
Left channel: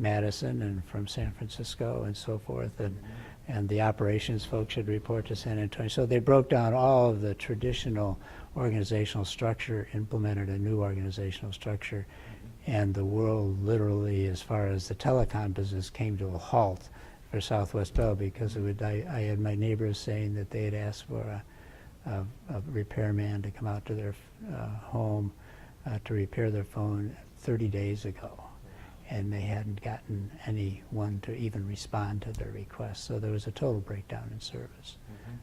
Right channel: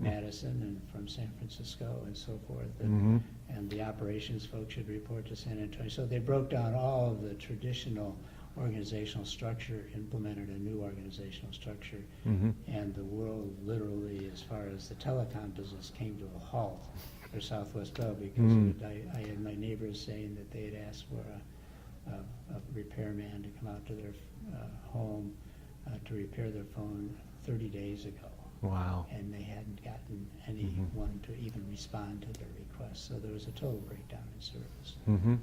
Madison and from San Francisco and so forth, and the operations folks should report to San Antonio. So they broke down all of the traditional organizational structure, implemented a new organizational structure, and the world literally, as far as the telecom business, came to a halt for Southwest Bell because I had my neighbors saying that they had asked for a repairman to come out to their home to repair their phone 30 days ago. Wow. And they hadn't gotten anyone to even respond to their request. So there was a total breakdown in service. And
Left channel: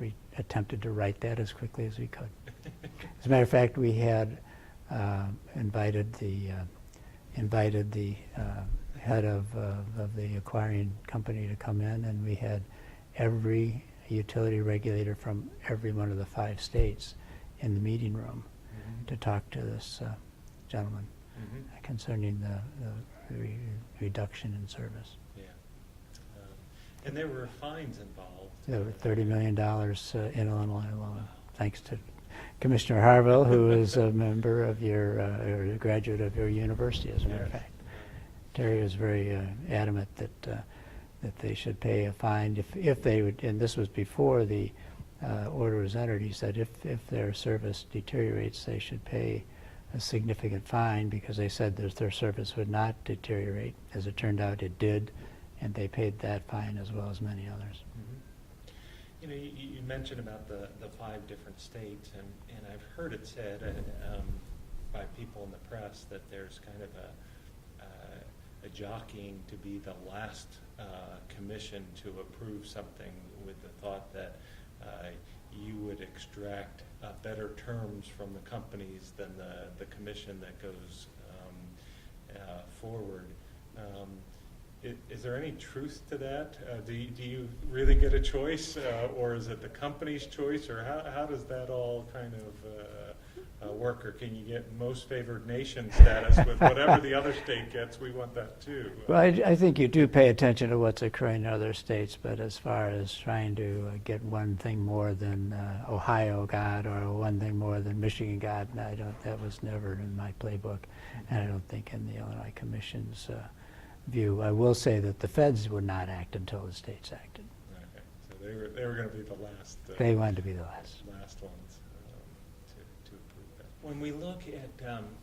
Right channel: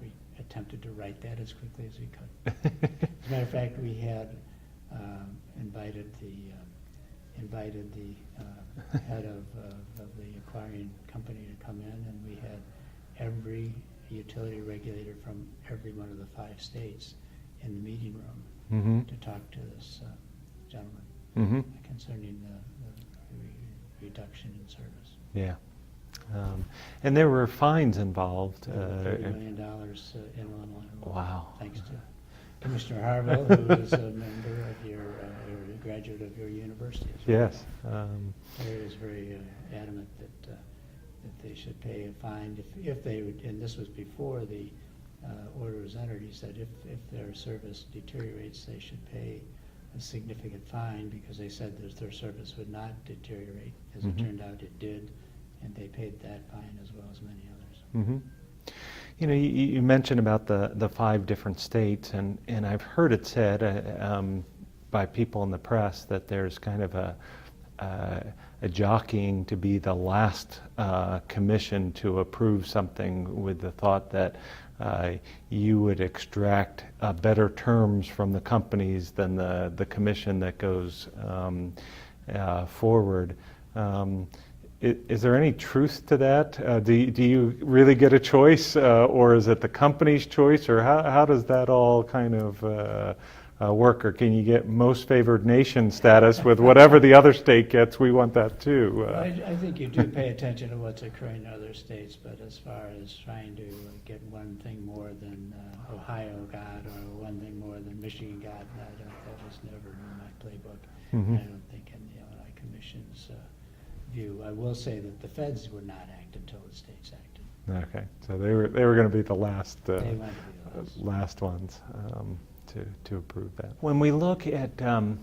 we attempted to right that as quickly as we could. As a matter of fact, we had invited the head of the acquiring company to come in, and we had every utility regulator from every one of the 5 states in the meeting room to talk to this gentleman concerning the reduction in service. Yeah. And there were fines involved. $30 million in Illinois alone. Wow. Thanks to Commissioner Harville, who is a member of your, or a graduate of your university as well. Yes. Terry was very adamant that they should pay a fine if they would, and this was before the order was entered. He said if their service deteriorates, they should pay a significant fine, because they said that their service would not deteriorate. As it turned out, it did, and they paid that fine as well as many others. You know, you mentioned about the 5 different states, and I've heard it said by people in the press that there's kind of a jockeying to be the last commission to approve something, with the thought that you would extract better terms from the companies than the commission that goes forward. Is there any truth to that? Do you really get a choice, or is it the company's choice, or how does that all kind of work? Or can you get most favored nation status with whatever the other state gets? We want that too. Well, I think you do pay attention to what's occurring in other states, but as far as trying to get one thing more than Ohio got, or one thing more than Michigan got, that was never in my playbook. Mm-hmm. And I don't think in the Illinois Commission's view. I will say that the feds would not act until the states acted. Okay, so they were going to be the last. They wanted to be the last ones to approve that. When we look at the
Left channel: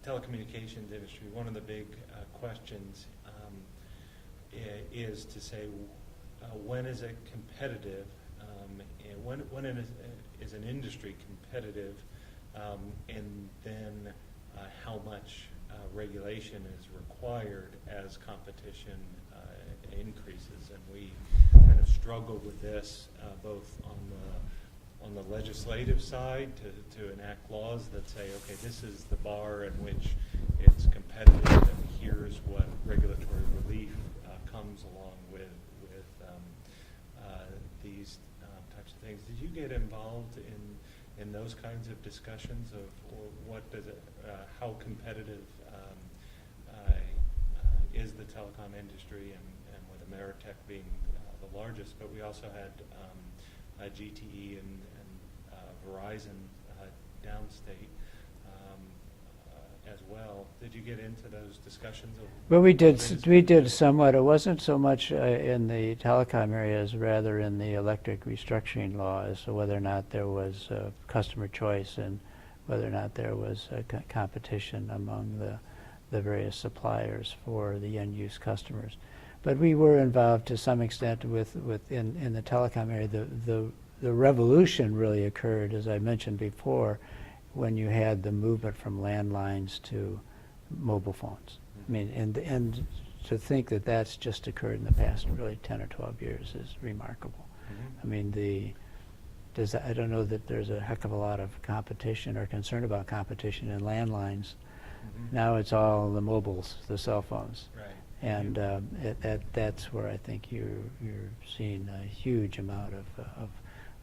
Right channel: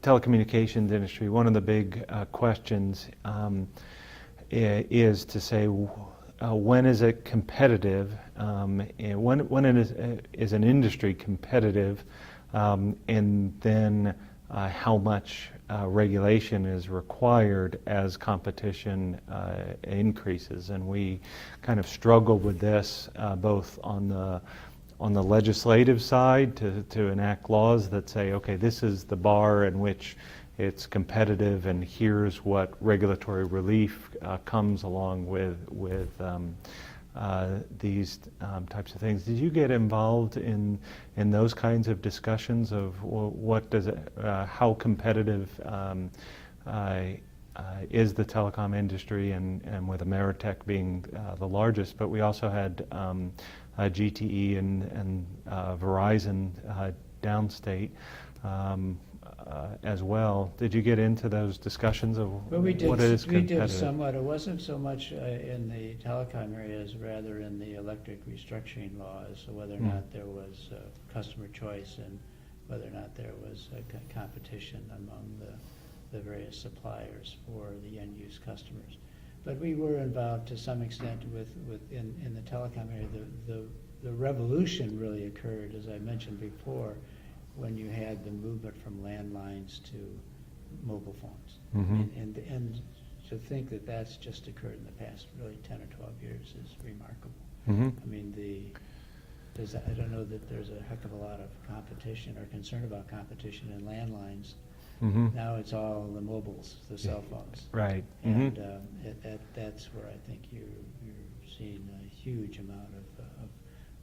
telecommunications industry, one of the big questions is to say, when is it competitive? And when is an industry competitive? And then how much regulation is required as competition increases. And we kind of struggle with this both on the legislative side to enact laws that say, okay, this is the bar in which it's competitive, and here's what regulatory relief comes along with these types of things. Did you get involved in those kinds of discussions of what does it, how competitive is the telecom industry, and with Ameritech being the largest, but we also had GTE and Verizon downstate as well. Did you get into those discussions of Well, we did. what is We did competitive? somewhat. It wasn't so much in the telecom area as rather in the electric restructuring law as to whether or not there was customer choice, and whether or not there was competition among the various suppliers for the end-use customers. But we were involved to some extent in the telecom area. The revolution really occurred, as I mentioned before, when you had the movement from landlines to mobile phones. Mm-hmm. I mean, and to think that that's just occurred in the past really 10 or 12 years is remarkable. Mm-hmm. I mean, I don't know that there's a heck of a lot of competition or concern about competition in landlines. Mm-hmm. Now it's all the mobiles, the cell phones. Right. And Mm-hmm. that's where I think you're seeing a huge amount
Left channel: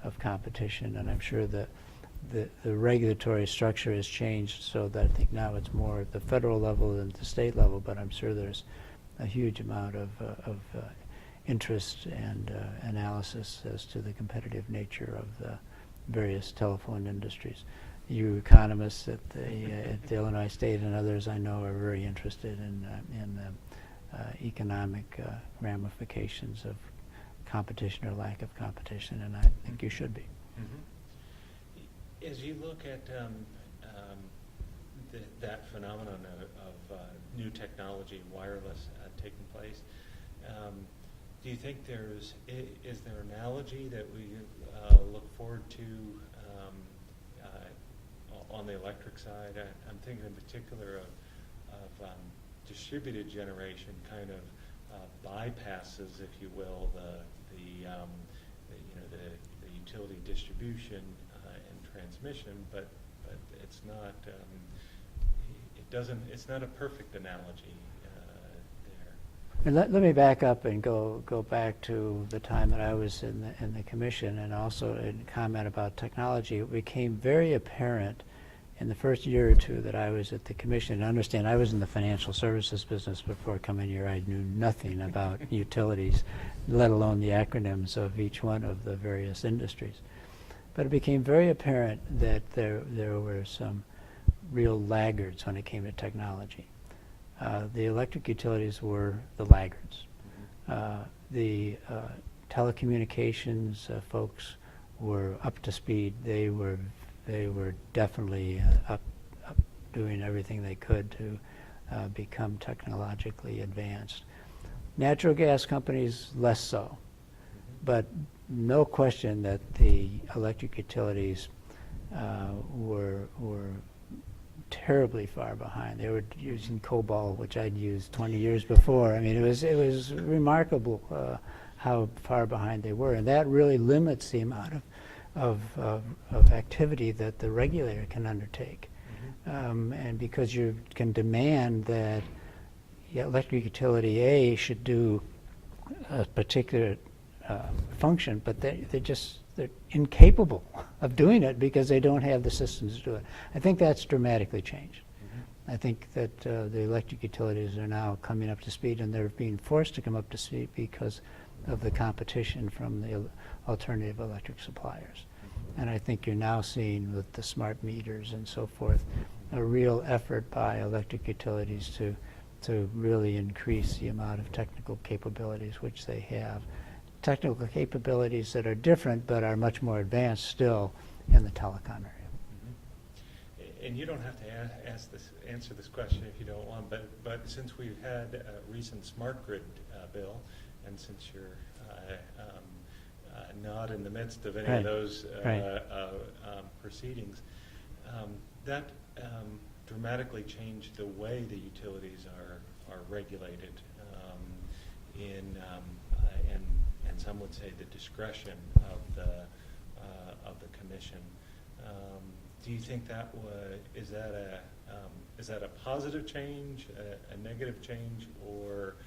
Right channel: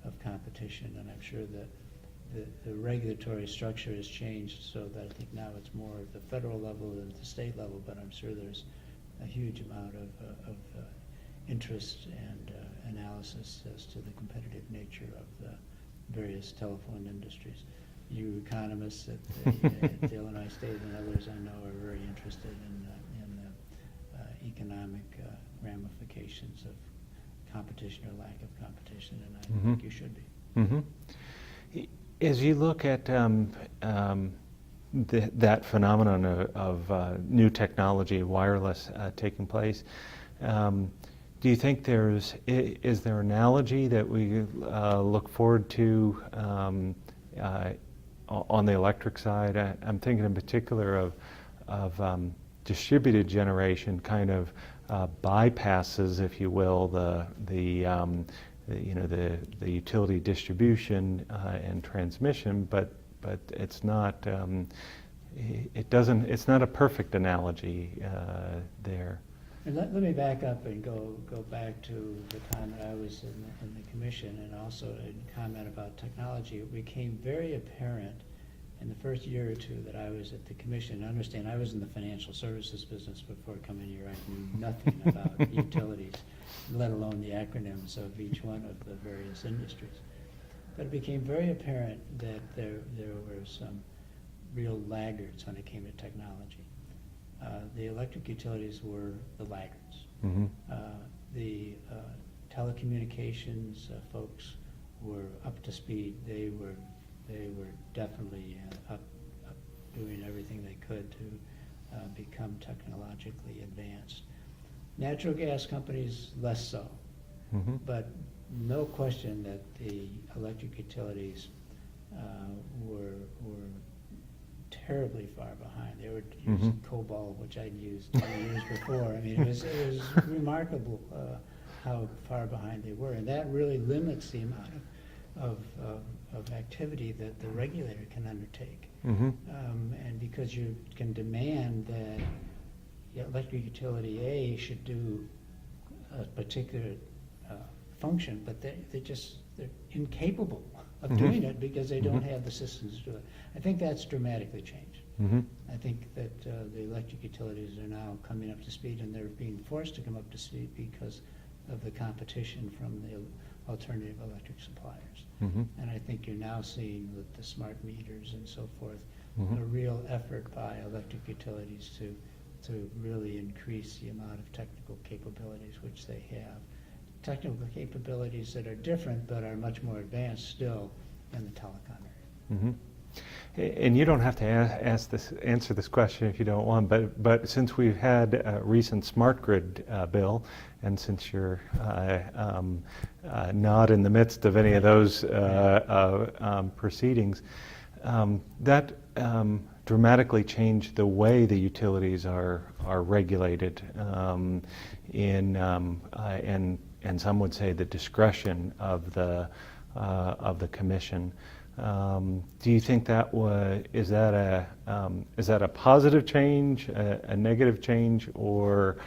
of competition, and I'm sure that the regulatory structure has changed so that I think now it's more at the federal level than the state level, but I'm sure there's a huge amount of interest and analysis as to the competitive nature of the various telephone industries. You economists at the Illinois State and others I know are very interested in the economic ramifications of competition or lack of competition, and I Mm-hmm. think you should be. Mm-hmm. As you look at that phenomenon of new technology, wireless taking place, do you think is there an analogy that we look forward to on the electric side? I'm thinking in particular of distributed generation kind of bypasses, if you will, the utility distribution and transmission, but it's not it's not a perfect analogy there. And let me back up and go back to the time that I was in the commission, and also comment about technology. It became very apparent in the first year or two that I was at the commission. Understand, I was in the financial services business before coming here. I knew nothing about utilities, let alone the acronyms of each one of the various industries. But it became very apparent that there were some real laggards when it came to technology. The electric utilities were the laggards. Mm-hmm. The telecommunications folks were up to speed. They were definitely up doing everything they could to become technologically advanced. Natural gas companies, less so. Mm-hmm. But no question that the electric utilities were terribly far behind. They were using COBOL, which I'd used 20 years before. I mean, it was remarkable how far behind they were, and that really limits the amount of activity that the regulator can undertake. And because you can demand that electric utility A should do a particular function, but they're incapable of doing it because they don't have the systems to do it. I think that's dramatically changed. I think that the electric utilities are now coming up to speed, and they're being forced to come up to speed because of the competition from the alternative electric suppliers. And I think you're now seeing with the smart meters and so forth a real effort by electric utilities to really increase the amount of technical capabilities which they have. Technical capabilities that are different but are much more advanced still in the telecom area. And you don't have to answer this question if you don't want, but since we've had a recent smart grid bill, and since you're not in the midst of any of those proceedings, that dramatically changed the way the utilities are regulated, and some would say the discretion of the commission. Do you think that is that a positive change, a negative change, or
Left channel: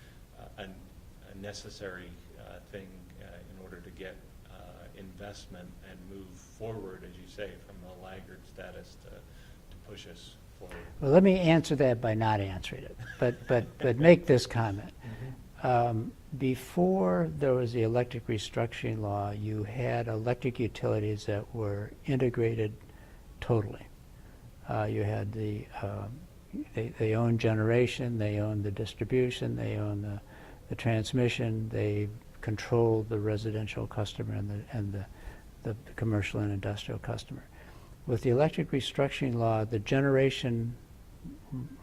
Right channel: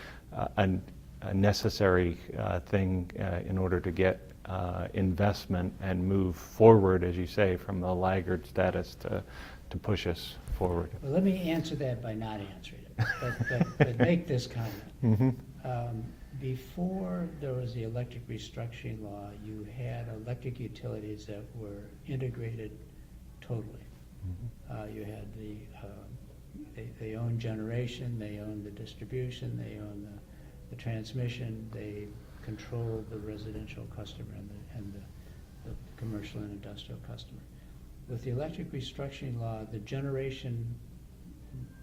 a necessary thing in order to get investment and move forward, as you say, from the laggard status to push us forward? Well, let me answer that by not answering it, but make this comment. Before there was the electric restructuring law, you had electric utilities that were integrated totally. You had they owned generation, they owned the distribution, they owned the transmission, they controlled the residential customer and the commercial and industrial customer. With the electric restructuring law, the generation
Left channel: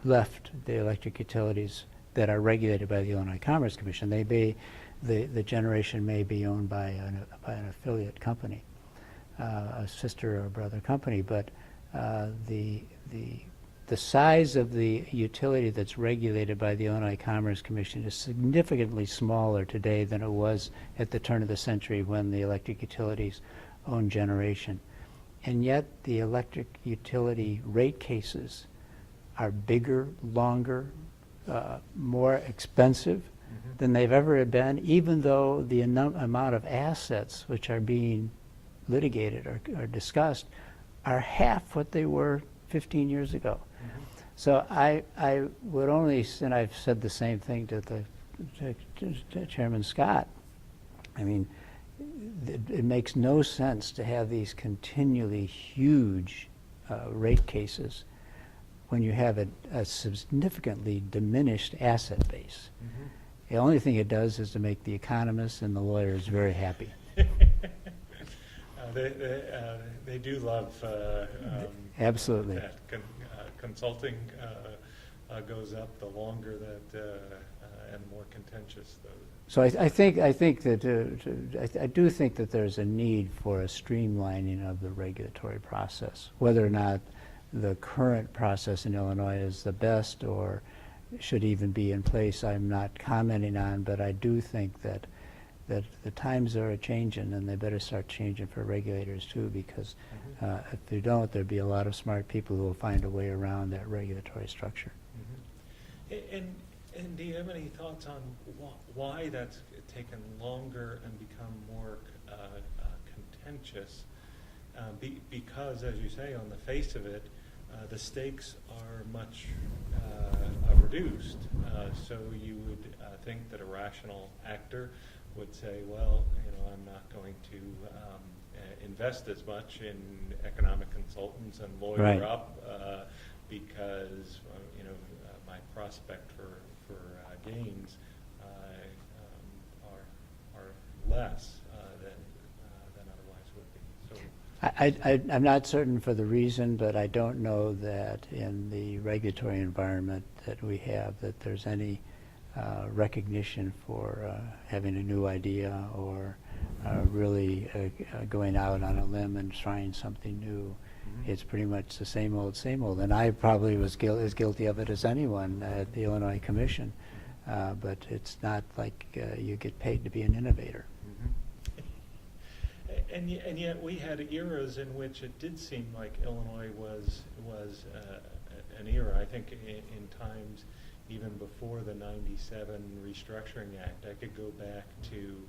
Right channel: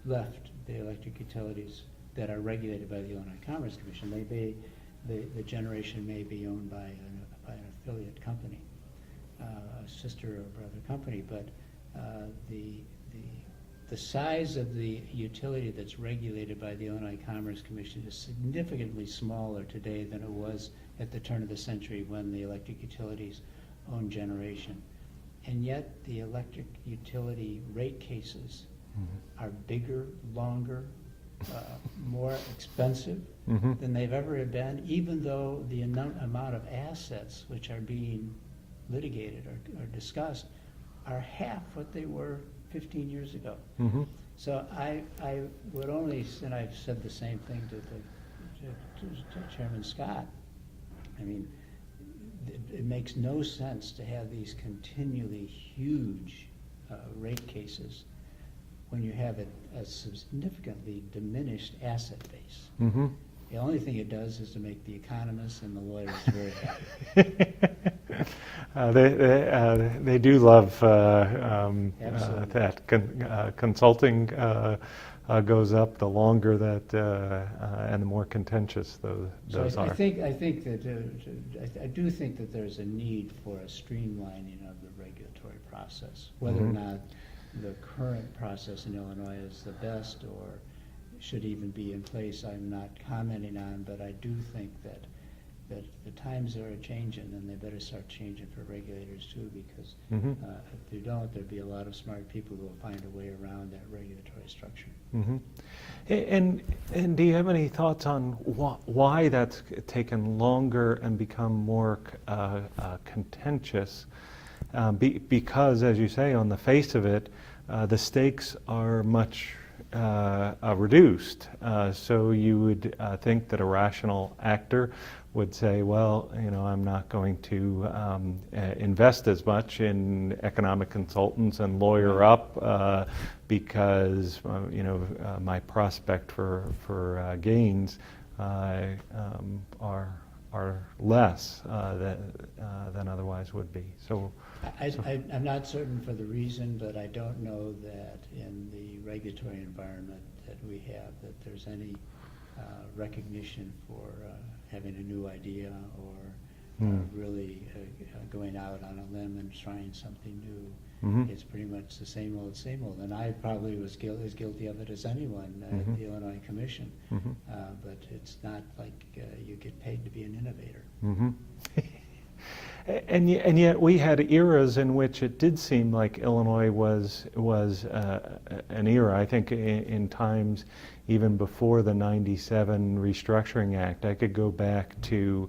left the electric utilities that are regulated by the Illinois Commerce Commission. The generation may be owned by an affiliate company, a sister or brother company, but the size of the utility that's regulated by the Illinois Commerce Commission is significantly smaller today than it was at the turn of the century when the electric utilities owned generation. And yet the electric utility rate cases are bigger, longer, more expensive than they've ever been, even though the amount of assets which are being litigated or discussed are half what they were 15 years ago. So I would only, and I've said the same thing to Chairman Scott, I mean, it makes no sense to have these continually huge rate cases when you have a significantly diminished asset base. The only thing it does is to make the economists and the lawyers very happy. They do love Absolutely. that. Consulting goes up the longer that and the more contentious those So are. I think that I do think that there's a need for a streamlining of the regulatory process, whether or not the current process in Illinois is the best or should even be in place. I'm not commenting on, but I do think that the times are a-changing, and they better start changing for regulators too, because if they don't, there'll be a lot of smart people who will find a way around that regulatory structure. And do you have any thoughts on why that's taken longer and become more contentious? Because, as you say, on the face of it, the stakes are much reduced. So you would think that a rational actor would say, well, I'm not going to invest as much in economic consultants and lawyer up because my prospect for gains are less than otherwise would be. So I'm not certain for the reason, but I don't know that in the regulatory environment that we have that there's any recognition for having a new idea or really going out on a limb and trying something new. Mhm. It's pretty much the same old, same old. And I probably was as guilty of it as anyone at the Illinois Commission. But it's not like you get paid to be an innovator. Mhm. And yet we had eras in which it did seem like Illinois was an era. I think in times even before the '97 Restructuring Act, I could go back to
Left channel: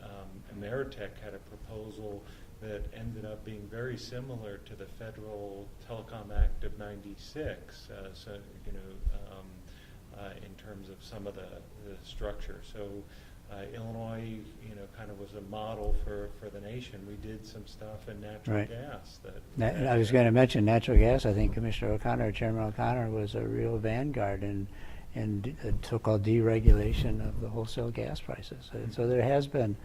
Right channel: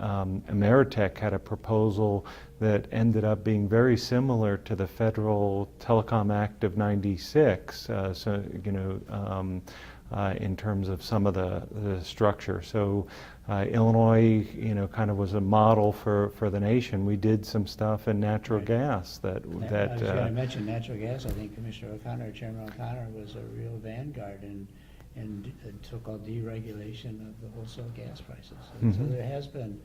Ameritech had a proposal that ended up being very similar to the Federal Telecom Act of '96. So you know, in terms of some of the structure. So. Illinois, you know, kind of was a model for the nation. We did some stuff in natural gas that I was going to mention natural gas. I think Commissioner O'Connor, Chairman O'Connor, was a real vanguard in so-called deregulation of the wholesale gas prices. So there has been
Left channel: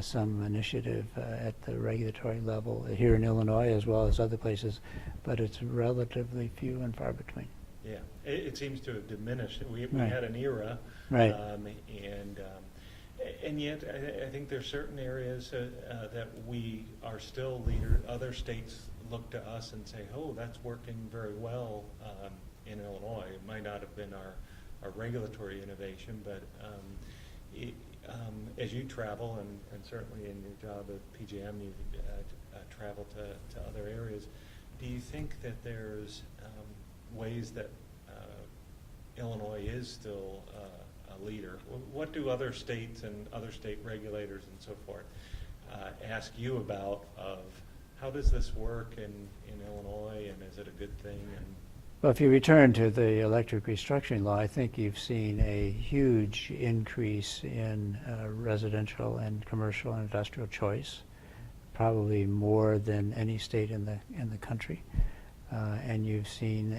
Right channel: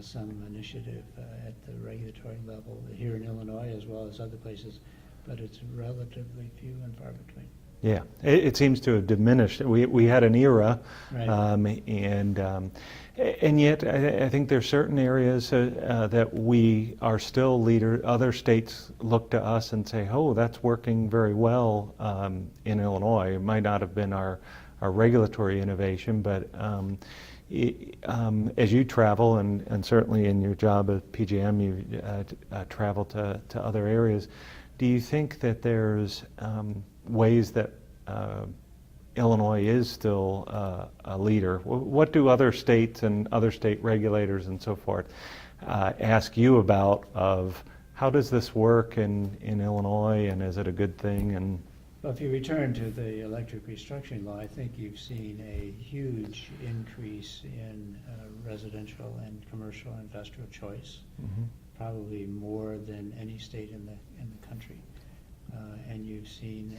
some initiative at the regulatory level here in Illinois as well as other places, but it's relatively few and far between. Yeah, it seems to have diminished. We had an era, and yet I think there's certain areas that we are still leader. Other states look to us and say, "Oh, that's working very well in Illinois." It might not have been our regulatory innovation, but as you travel and certainly in your job at PJM, you travel to other areas. Do you think that there's ways that Illinois is still a leader? What do other states and other state regulators and so forth ask you about of how does this work in Illinois, and is it a good thing? And well, if you return to the electric restructuring law, I think you've seen a huge increase in residential and commercial and industrial choice, probably more than any state in the country. And you've seen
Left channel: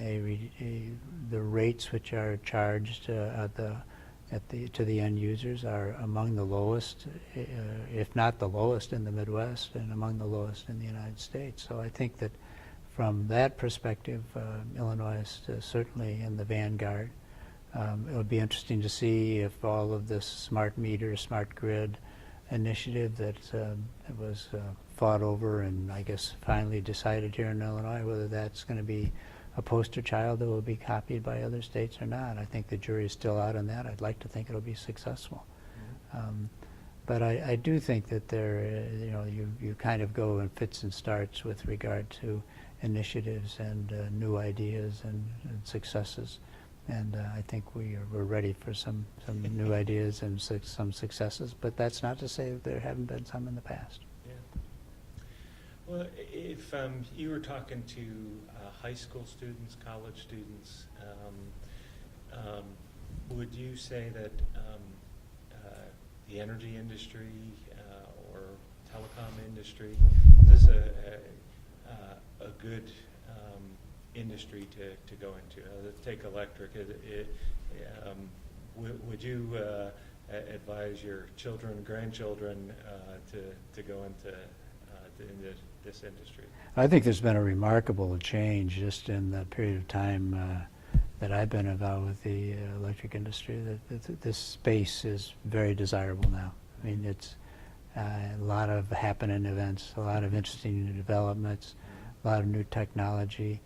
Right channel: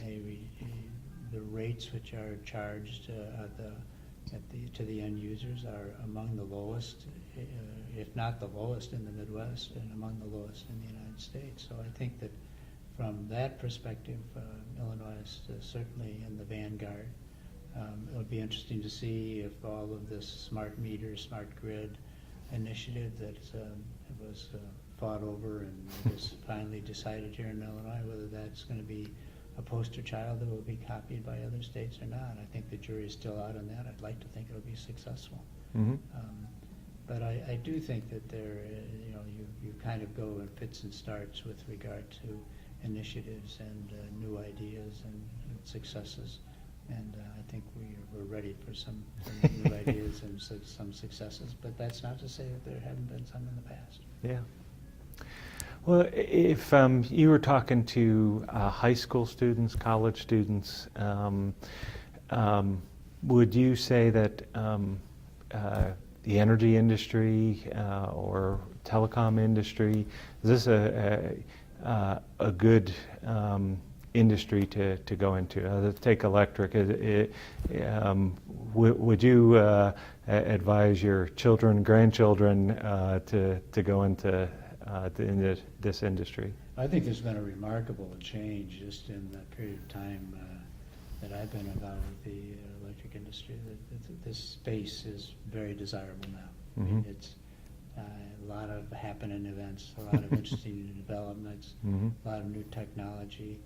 the rates which are charged to the end users are among the lowest, if not the lowest in the Midwest, and among the lowest in the United States. So I think that from that perspective, Illinois is certainly in the vanguard. It would be interesting to see if all of this smart meter, smart grid initiative that was fought over and I guess finally decided here in Illinois, whether that's going to be a poster child that will be copied by other states or not. I think the jury is still out on that. I'd like to think it'll be successful. But I do think that there, you know, you kind of go in fits and starts with regard to initiatives and new ideas and successes. And I think we're ready for some new ideas and some successes. But that's not to say that there haven't been some in the past. Yeah. Well, if you were talking to high school students, college students, would you say that the energy industry or telecom industry, is this a good industry to go into? Let's take electric. Would you advise your children, grandchildren to go into this industry? I think there's been a remarkable change just in the period of time that I've been involved with the electric industry. That this space is very desirable now. I mean, it's a lot of happening events, a lot of interesting new developments, a lot of new technology,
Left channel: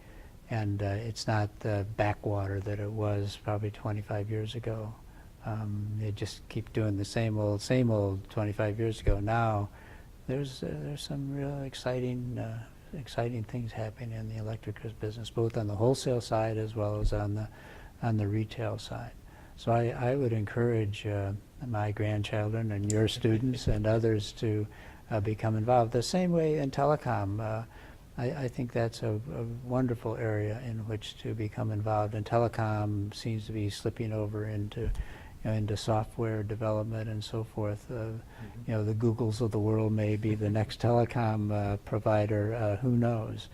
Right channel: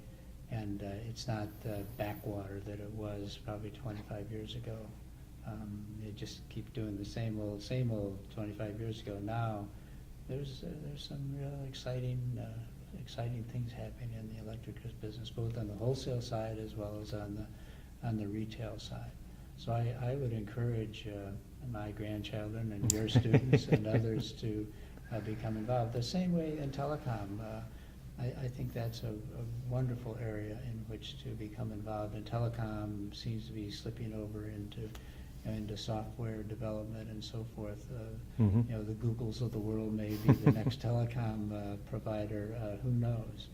and it's not the backwater that it was probably 25 years ago. They just keep doing the same old 25 years ago. Now, there's some real exciting things happening in the electric business, both on the wholesale side as well as on the retail side. So I would encourage my grandchildren and your students and others to become involved. The same way in telecom, I think that's a wonderful area in which to become involved. And telecom seems to be slipping over into software development and so forth. You know, the Googles of the world may be the next telecom provider. Who knows?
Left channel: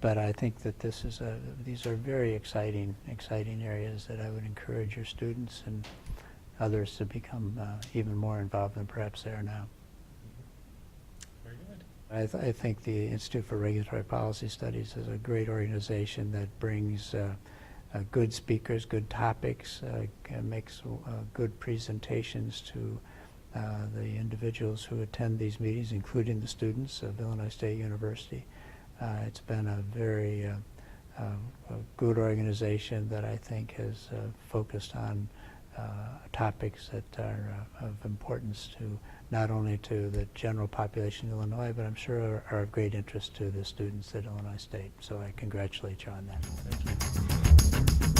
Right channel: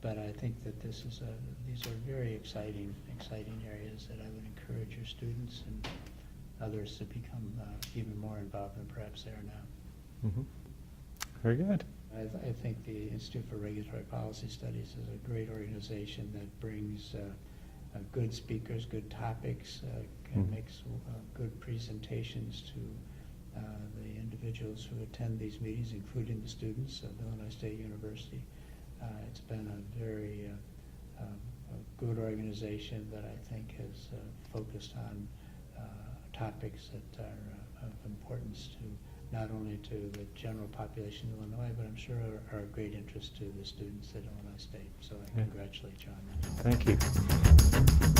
But I think that these are very exciting areas that I would encourage your students and others to become even more involved than perhaps they are now. Very good. I think the Institute for Regulatory Policy Studies is a great organization that brings good speakers, good topics, and makes good presentations to the individuals who attend these meetings, including the students of Illinois State University. It's been a very a good organization that I think has focused on topics that are of importance to not only to the general population of Illinois, but I'm sure are of great interest to the students at Illinois State. So I congratulate you on that. Thank you.